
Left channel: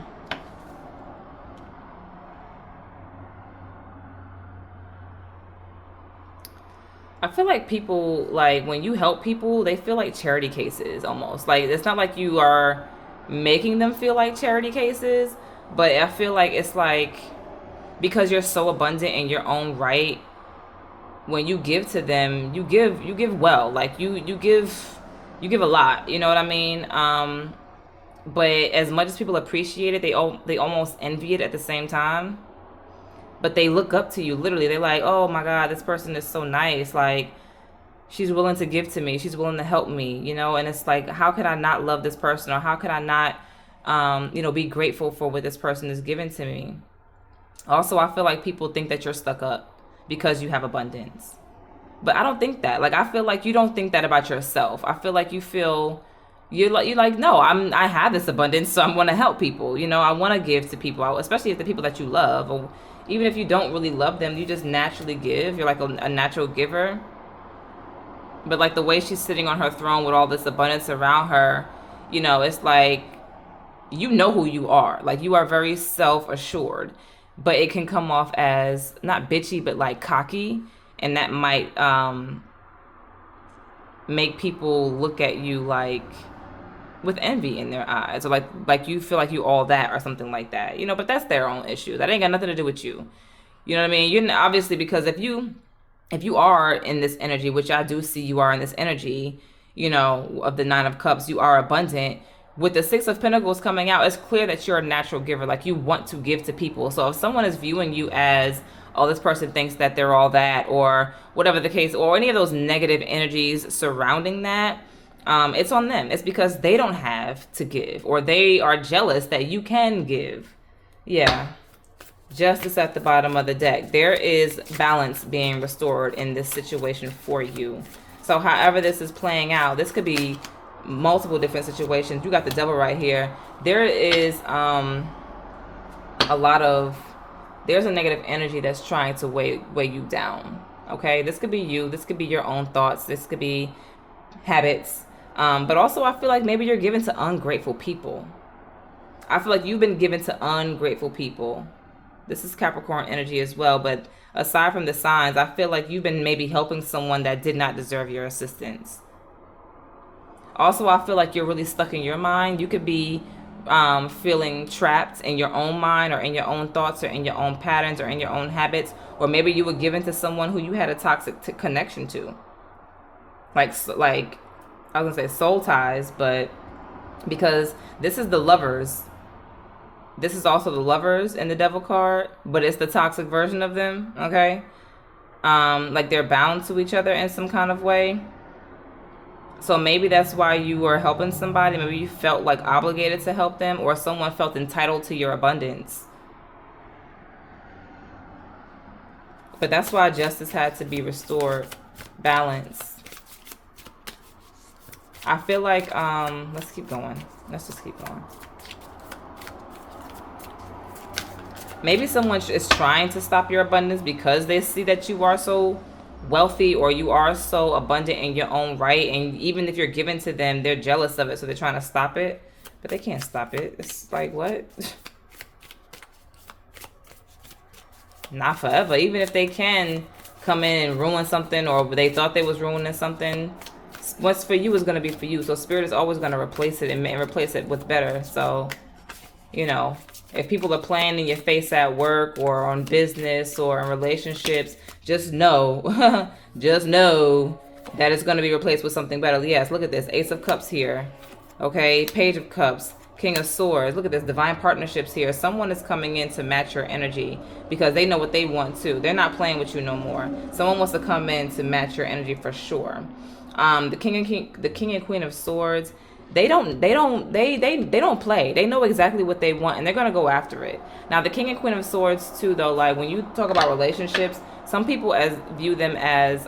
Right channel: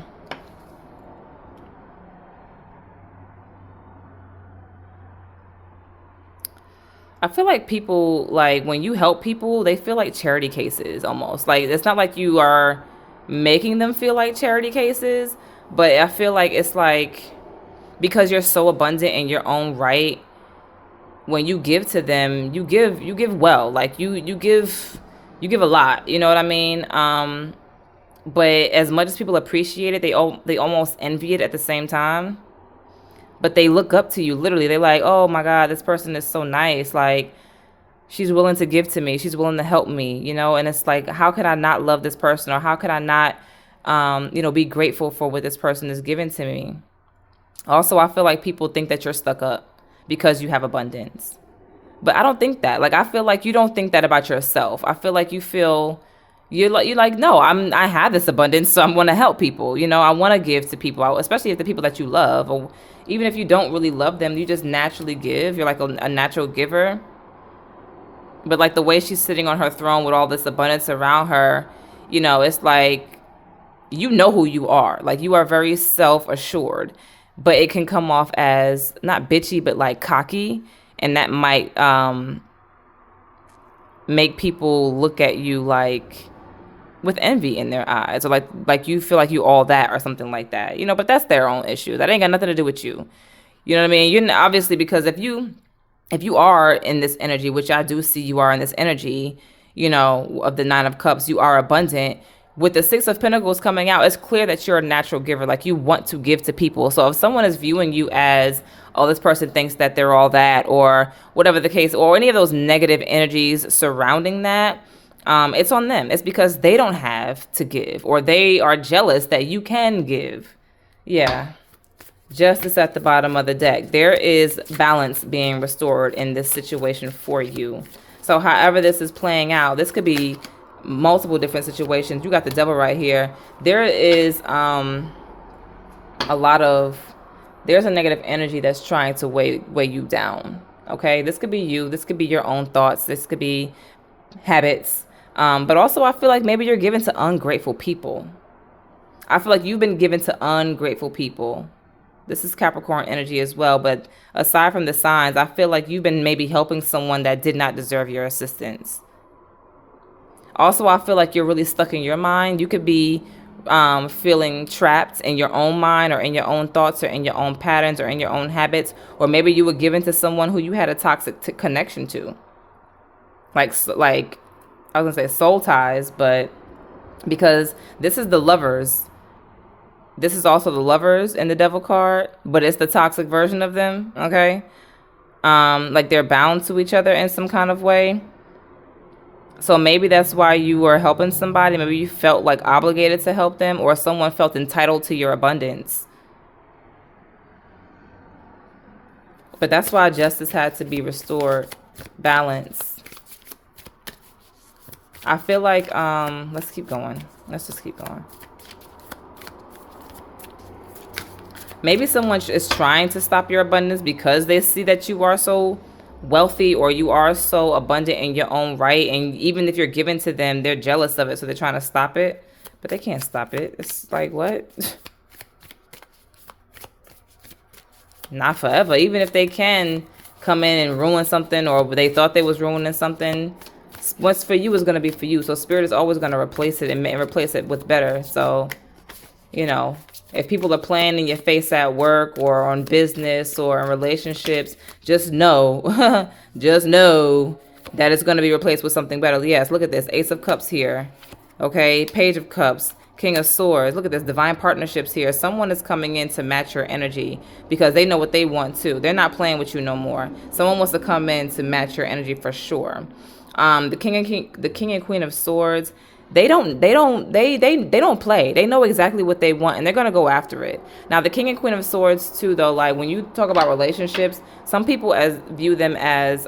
feel like people, like when you help people, they feel like charity cases almost. Like it's not like you are making them feel like charity cases. But I feel like it's like, because you're so abundant in your own right, when you give to them, you give well. Like you give a lot. You know what I mean? But as much as people appreciate it, they almost envy it at the same time. But they look up to you literally. They're like, "Oh my God, this person is so nice. Like, she's willing to give to me. She's willing to help me, you know?" And it's like, how could I not love this person, or how could I not be grateful for what this person is giving to me? Also, I feel like people think that you're stuck up because you have abundance. But I don't think that. Like, I feel like you don't think that about yourself. I feel like you're like, no, I have this abundance, so I'm going to help people. I want to give to people, especially if the people that you love, or even if you don't really love them, you just naturally give. You're like a natural giver. But like the way she's sitting on her throne with all this abundance around her, it's like, you know who you are. Like, you are very self assured, but it can come off as not bitchy, but like cocky. And that might make people look at you like with envy in their eyes, or like you feel like you all that or something like that. But that's their own issue. That ain't got nothing to do with you. You know what I mean? You're obviously, because if you are in this energy, which I do see you are in this energy, of the Nine of Cups, you are abundant. With the Six of Pentacles coming out, it's clear that you're a natural giver. Like, you want to give to people. So if someone is viewing you as, oh, this person thinks that they're all that, or whatever the case, or any of those negative energies surrounding that, it's on them. It's because they don't have to give, or they are jealous that you can give. Yeah. Justice at the bottom of the deck. There is balance being restored in this situation for you. So however this is playing out, this could be multiple different situations. You got the Devil right here. There is a lot of, there's a negative energy that's trying to weigh you down. Okay, this could be you. This could be your own thoughts. This could be habits. But also, I feel like maybe you're given to ungrateful people. I feel like you've been given to ungrateful people. This is Capricorn energy as well. But aside from the signs, I feel like you've been maybe helping someone that did not deserve your assistance. Also, I feel like you're really stuck in your mind. You could be feeling trapped in your own mind, or in your own thoughts, or in your own patterns, or in your own habits. Or maybe you were given to someone who you had a toxic connection to. Like I was going to say soul ties, but because this is the Lovers. This is also the Lovers in the Devil card, but it's the toxic version of them, okay? Like, they're bound to each other in some kind of way. So maybe that's why you were helping somebody. Maybe you felt like obligated to help them, or someone felt entitled to your abundance. But that's why justice had to be restored. Balance. I feel like, let's keep going. Let's just keep going. Maybe someone is trying to stop your abundance because they see that you are so wealthy, or you are so abundant in your own right. And even if you're given to them, they're jealous of it. So they're trying to stop it, but they can't stop it. It's like, what? Not forever. Even if they can come in and ruin something, or they thought they was ruining something, what's for you is going to be for you. So Spirit is always going to replace it and replace it with better. So, if people are playing in your face at work, or on business, or in relationships, just know, just know that it's going to be replaced with something better. Yes, look at this. Ace of Cups here. Okay, Page of Cups, King of Swords. Look at this. Divine partnerships here. Someone is coming in to match your energy because they know what they want too. They're not playing with you no more. Someone wants to come in to match your energy for sure. The King and Queen of Swords. They don't play. They know exactly what they want, and they're going to go after it. Now, the King and Queen of Swords too, though, like when you talk about relationships, some people view them as,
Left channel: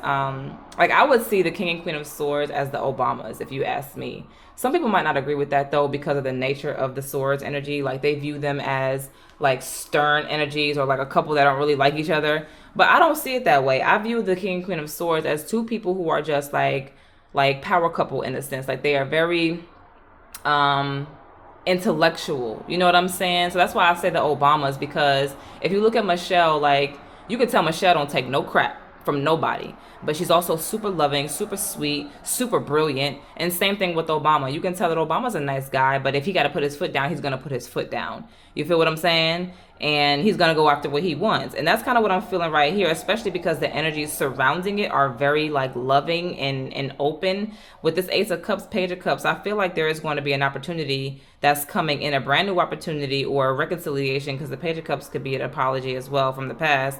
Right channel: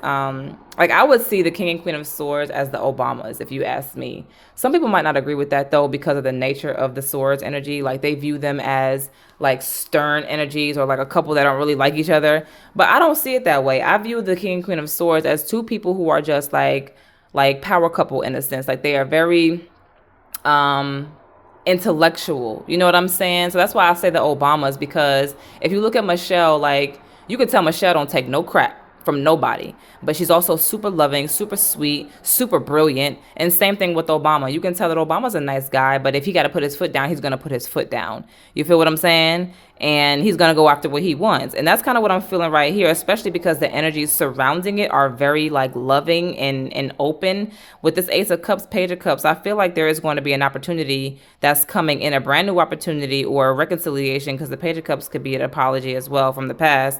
like, I would see the King and Queen of Swords as the Obamas, if you ask me. Some people might not agree with that, though, because of the nature of the Swords energy. Like, they view them as, like, stern energies, or like a couple that don't really like each other. But I don't see it that way. I view the King and Queen of Swords as two people who are just like power couple in a sense. Like, they are very intellectual. You know what I'm saying? So that's why I say the Obamas, because if you look at Michelle, like, you could tell Michelle don't take no crap from nobody. But she's also super loving, super sweet, super brilliant. And same thing with Obama. You can tell that Obama's a nice guy, but if he got to put his foot down, he's going to put his foot down. You feel what I'm saying? And he's going to go after what he wants. And that's kind of what I'm feeling right here, especially because the energies surrounding it are very like loving and open. With this Ace of Cups, Page of Cups, I feel like there is going to be an opportunity that's coming in, a brand new opportunity or a reconciliation, because the Page of Cups could be an apology as well from the past.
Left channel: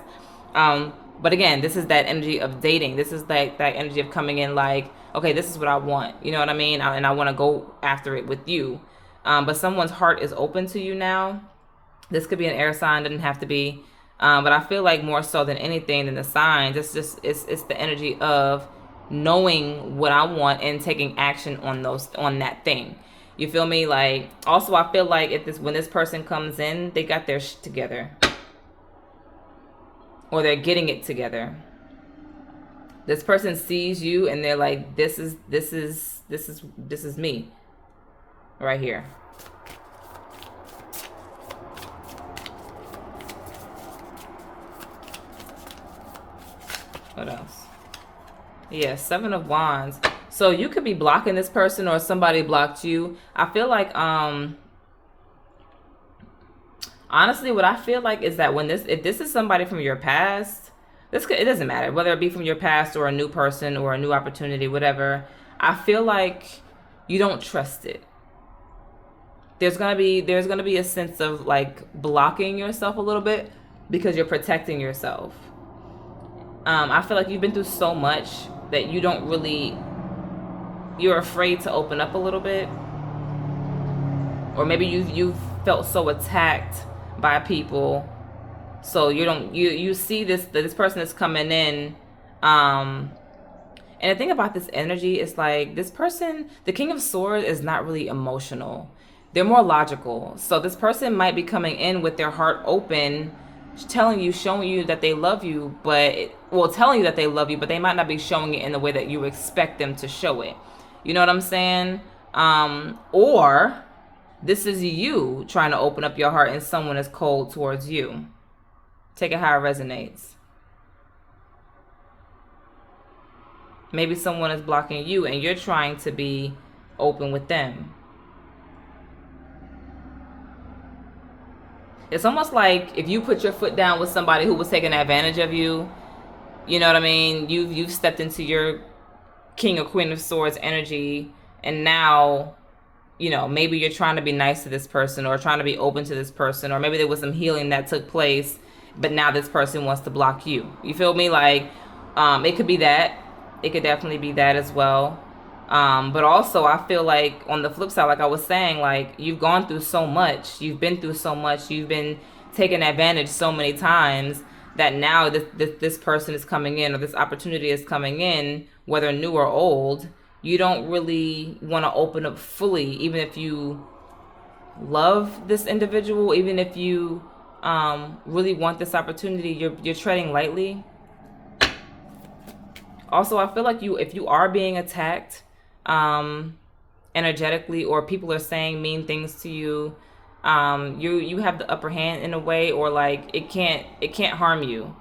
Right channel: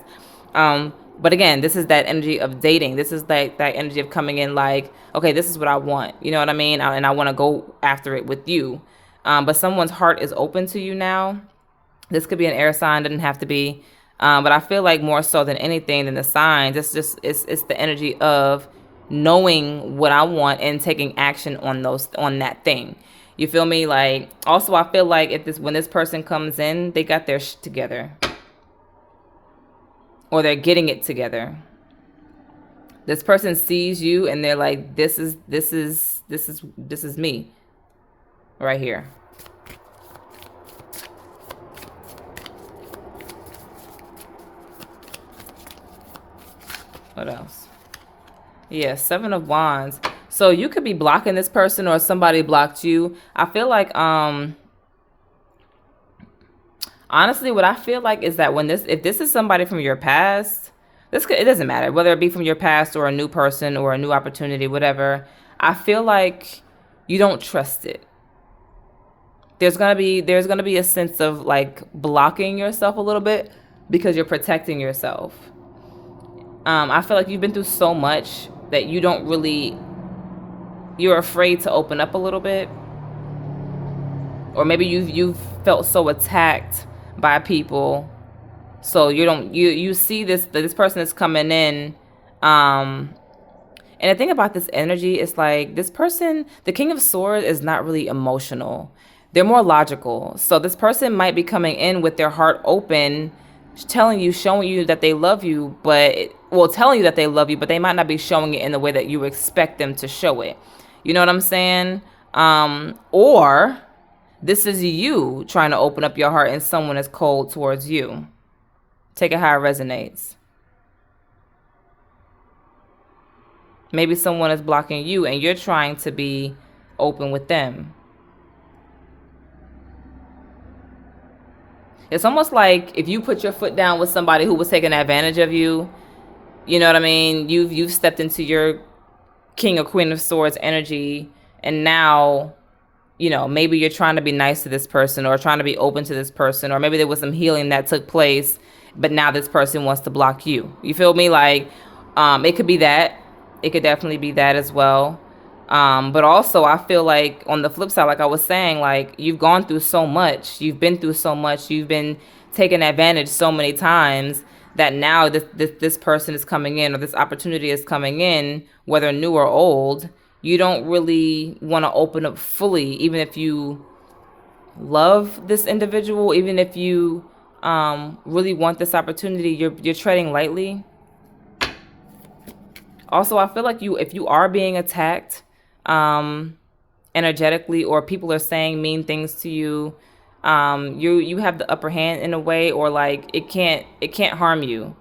But again, this is that energy of dating. This is that energy of coming in like, okay, this is what I want. You know what I mean? And I want to go after it with you. But someone's heart is open to you now. This could be an air sign, doesn't have to be. But I feel like more so than anything than the signs, it's the energy of knowing what I want and taking action on that thing. You feel me? Like, also I feel like when this person comes in, they got their shit together. Or they're getting it together. This person sees you and they're like, this is me right here. What else? Yeah, Seven of Wands. So you could be blocking this person or somebody blocked you. I feel like honestly, what I feel like is that if this is somebody from your past, it doesn't matter whether it be from your past or a new person or a new opportunity, whatever. I feel like you don't trust it. There's gonna be a sense of like blocking yourself a little bit because you're protecting yourself. I feel like you've been through so much that you're afraid to open up a little bit, or maybe you've felt so attacked by people, so you see this person is coming in, and the thing about this energy is like this person, the King of Swords, is not really emotional. They're more logical. So this person might be coming in with their heart open, showing you that they love you, telling you that they love you, but they might not be showing it in the way that you expect them to show it. You know what I'm saying? Or this is you trying to open up your heart and someone is cold towards you. Take it how it resonates. Maybe someone is blocking you and you're trying to be open with them. It's almost like if you put your foot down with somebody who was taking advantage of you, you know what I mean? You've stepped into your King or Queen of Swords energy, and now, you know, maybe you're trying to be nice to this person or trying to be open to this person, or maybe there was some healing that took place, but now this person wants to block you. You feel me? Like, it could be that. It could definitely be that as well. But also I feel like on the flip side, like I was saying, like you've gone through so much, you've been through so much, you've been taken advantage so many times that now this person is coming in, or this opportunity is coming in, whether new or old. You don't really want to open up fully, even if you love this individual, even if you really want this opportunity, you're treading lightly. Also, I feel like if you are being attacked energetically, or people are saying mean things to you, you have the upper hand in a way, or like it can't harm you.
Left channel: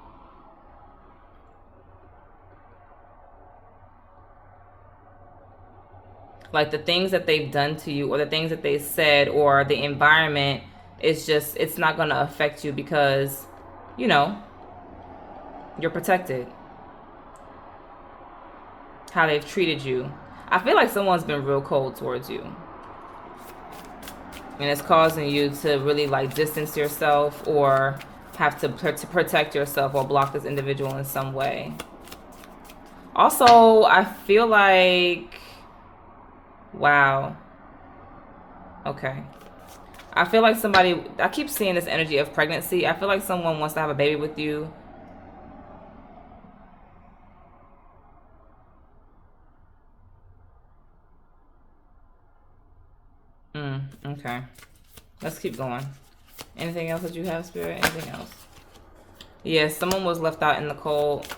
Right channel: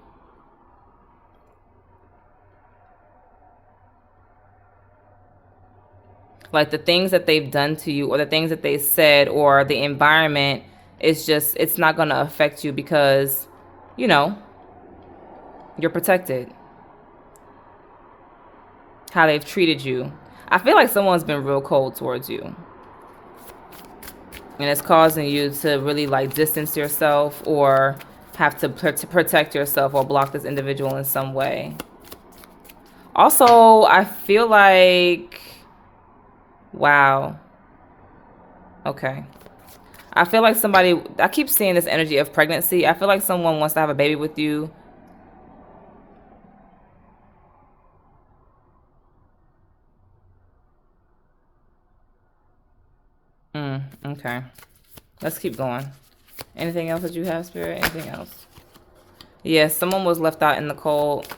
Like the things that they've done to you, or the things that they said, or the environment, it's not going to affect you because, you know, you're protected. How they've treated you. I feel like someone's been real cold towards you. And it's causing you to really like distance yourself, or have to protect yourself, or block this individual in some way. Also, I feel like, wow. Okay. I feel like I keep seeing this energy of pregnancy. I feel like someone wants to have a baby with you. Okay. Let's keep going. Anything else that you have, Spirit? Anything else? Yes, someone was left out in the cold.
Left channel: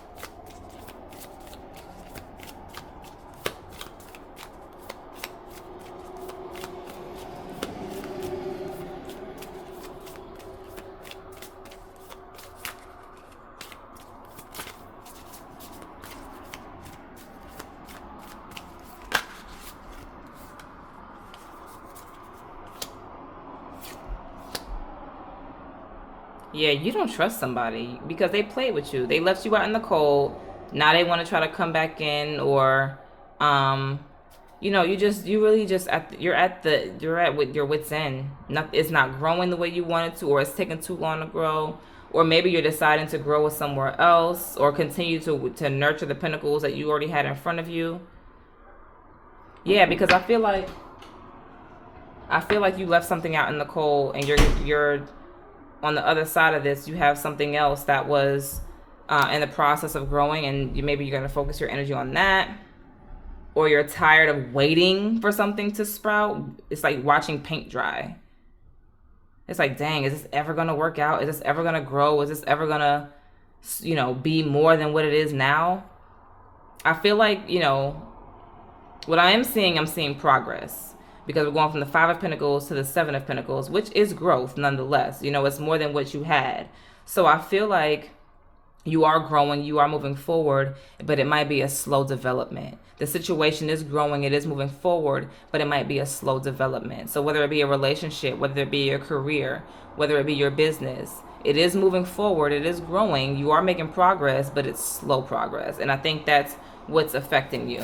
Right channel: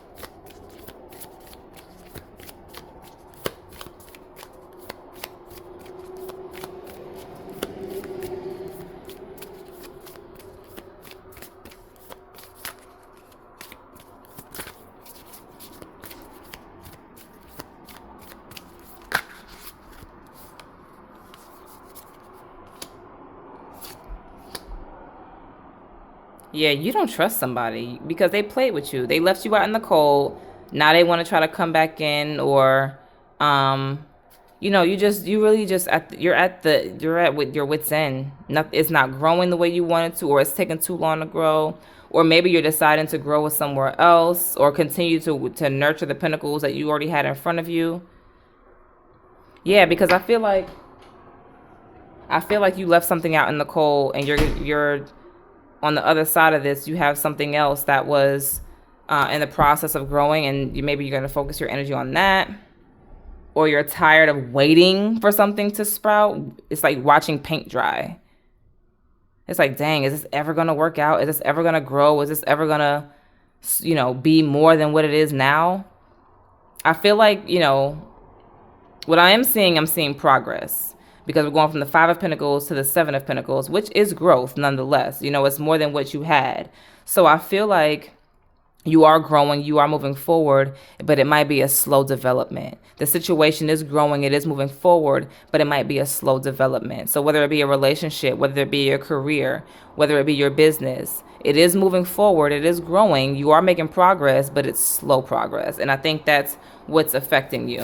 Yeah, you don't trust somebody because they played with you. They left you out in the cold. Now they want to try to come back in, or um you really just you're at with your wits end. It's not growing the way you want it to, or it's taking too long to grow, or maybe you're deciding to grow somewhere else, or continue to nurture the pinnacles that you already had in front of you. Yeah, because I feel like you left something out in the cold, and you're on the other side of this. You have something else that was in the process of growing, and maybe you're going to focus your energy on that, or you're tired of waiting for something to sprout. It's like watching paint dry. It's like, dang, is this ever gonna work out? Is this ever gonna grow? Is this ever gonna, be more than what it is now? I feel like, what I'm seeing progress because we're going from the Five of Pentacles to the Seven of Pentacles, which is growth nonetheless. It's more than what you had. So I feel like you are growing, you are moving forward, but it might be a slow development. The situation is growing, it is moving forward, but it might be a slow development. So whether it be a relationship, whether it be your career, whether it be your business, it is moving forward, it is growing, you are making progress, but it's slow progress. And I think that's what's affecting you.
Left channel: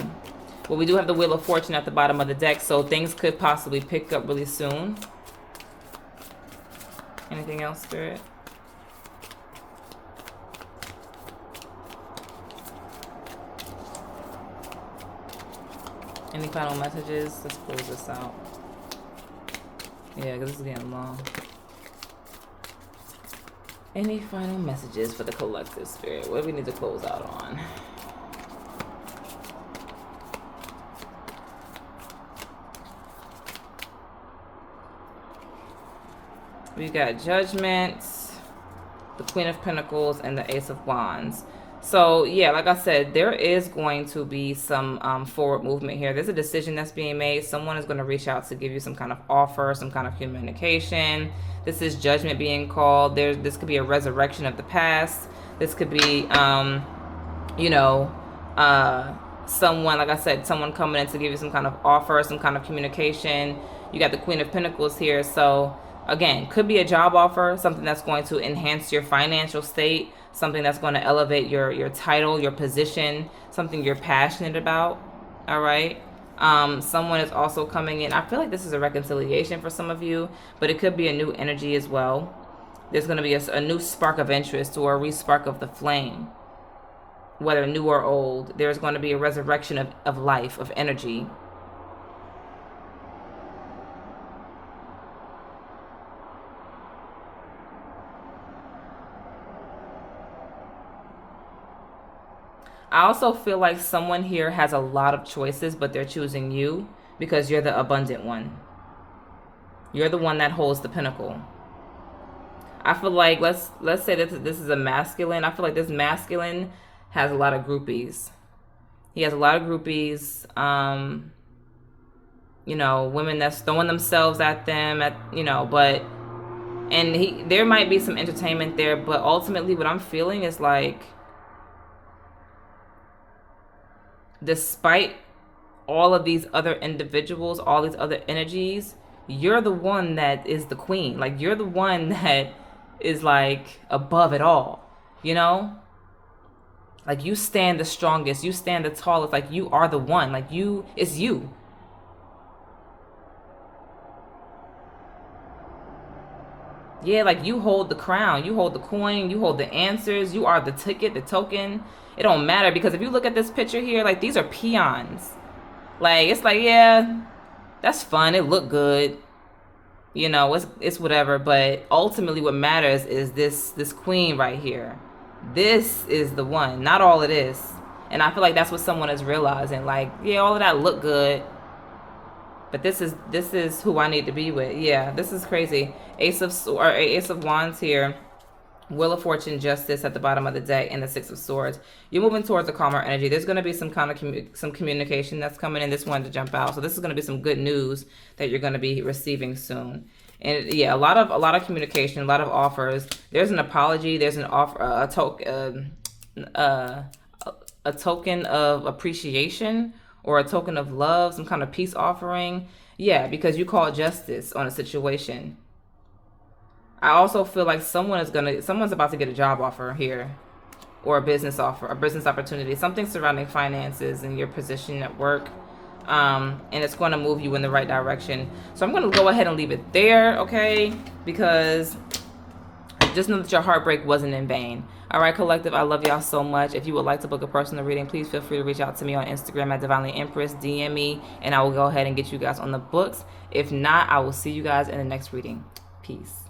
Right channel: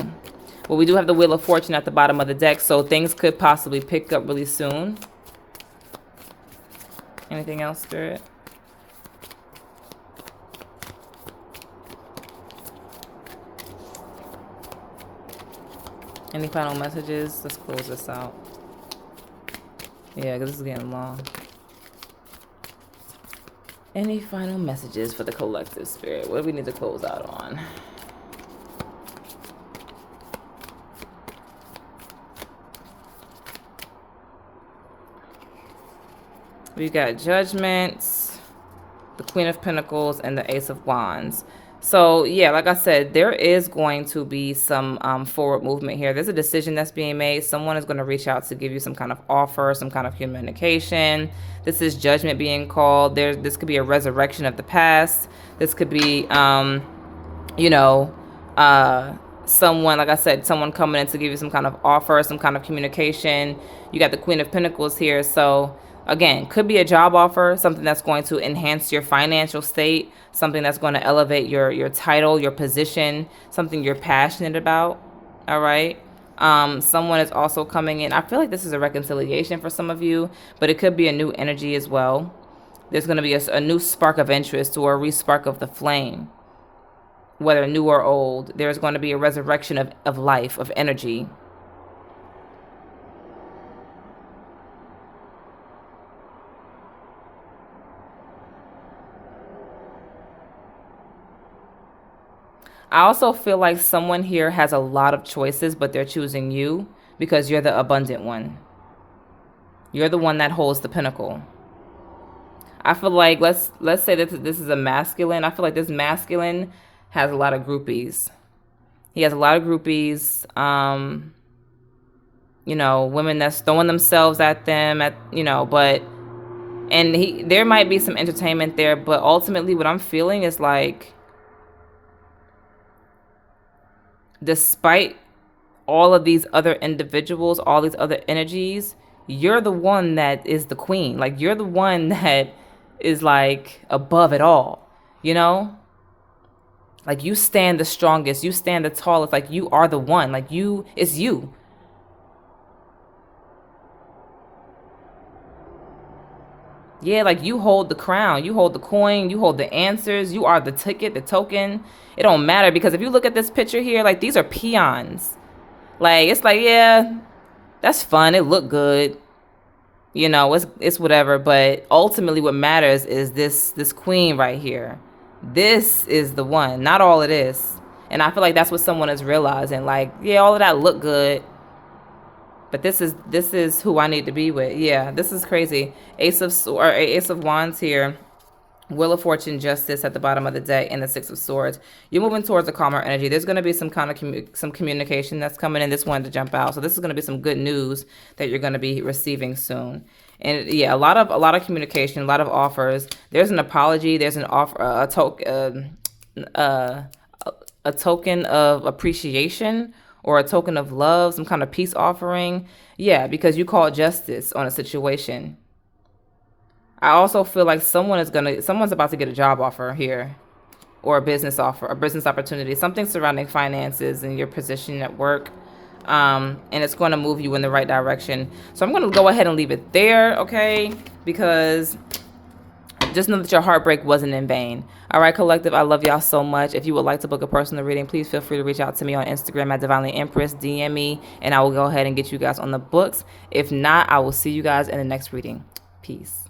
Well, we do have the Wheel of Fortune at the bottom of the deck, so things could possibly pick up really soon. Anything else, Spirit? Any final messages? Let's close this out. Yeah, because this is getting long. Any final messages for the collective, Spirit? What do we need to close out on? We got Judgment, the Queen of Pentacles, and the Ace of Wands. So, yeah, like I said, there is going to be some forward movement here. There's a decision that's being made. Someone is going to reach out to give you some kind of offer, some kind of communication. This is judgment being called. This could be a resurrection of the past. This could be, someone, like I said, someone coming in to give you some kind of offer, some kind of communication. You got the Queen of Pentacles here. So, again, could be a job offer, something that's going to enhance your financial state, something that's going to elevate your title, your position, something you're passionate about. All right. Someone is also coming in. I feel like this is a reconciliation for some of you, but it could be a new energy as well. There's going to be a new spark of interest or a re-spark of the flame, whether new or old. There's going to be a resurrection of life, of energy. I also feel like someone here has a lot of choices, but they're choosing you because you're the abundant one. You're the one that holds the pinnacle. I feel like let's say that this is a masculine. I feel like this masculine has a lot of groupies. He has a lot of groupies. Women that's throwing themselves at them there might be some entertainment there, but ultimately what I'm feeling is like, despite all of these other individuals, all these other energies, you're the one that is the queen. Like, you're the one that is like above it all, Like, you stand the strongest, you stand the tallest, like you are the one, like it's you. Yeah, like you hold the crown, you hold the coin, you hold the answers, you are the ticket, the token. It don't matter because if you look at this picture here, like these are peons. Like, it's like, yeah, that's fun. It look good. It's whatever, but ultimately what matters is this queen right here. This is the one, not all it is. And I feel like that's what someone is realizing. Like, yeah, all of that look good, but this is who I need to be with. Yeah, this is crazy. Ace of Wands here. Wheel of Fortune, Justice at the bottom of the deck, and the Six of Swords. You're moving towards a calmer energy. There's going to be some kind of some communication that's coming in. This one to jump out. So this is going to be some good news that you're going to be receiving soon. And yeah, a lot of communication, a lot of offers. There's an apology. There's an offer, a token of appreciation or a token of love, some kind of peace offering. Yeah, because you called justice on a situation. I also feel like someone's about to get a job offer here, or a business offer, a business opportunity, something surrounding finances and your position at work. And it's going to move you in the right direction. So I'm going to go ahead and leave it there, okay? Because just know that your heartbreak wasn't in vain. All right, collective, I love y'all so much. If you would like to book a personal reading, please feel free to reach out to me on Instagram at Divinely Empress, DM me, and I will go ahead and get you guys on the books. If not, I will see you guys in the next reading. Peace.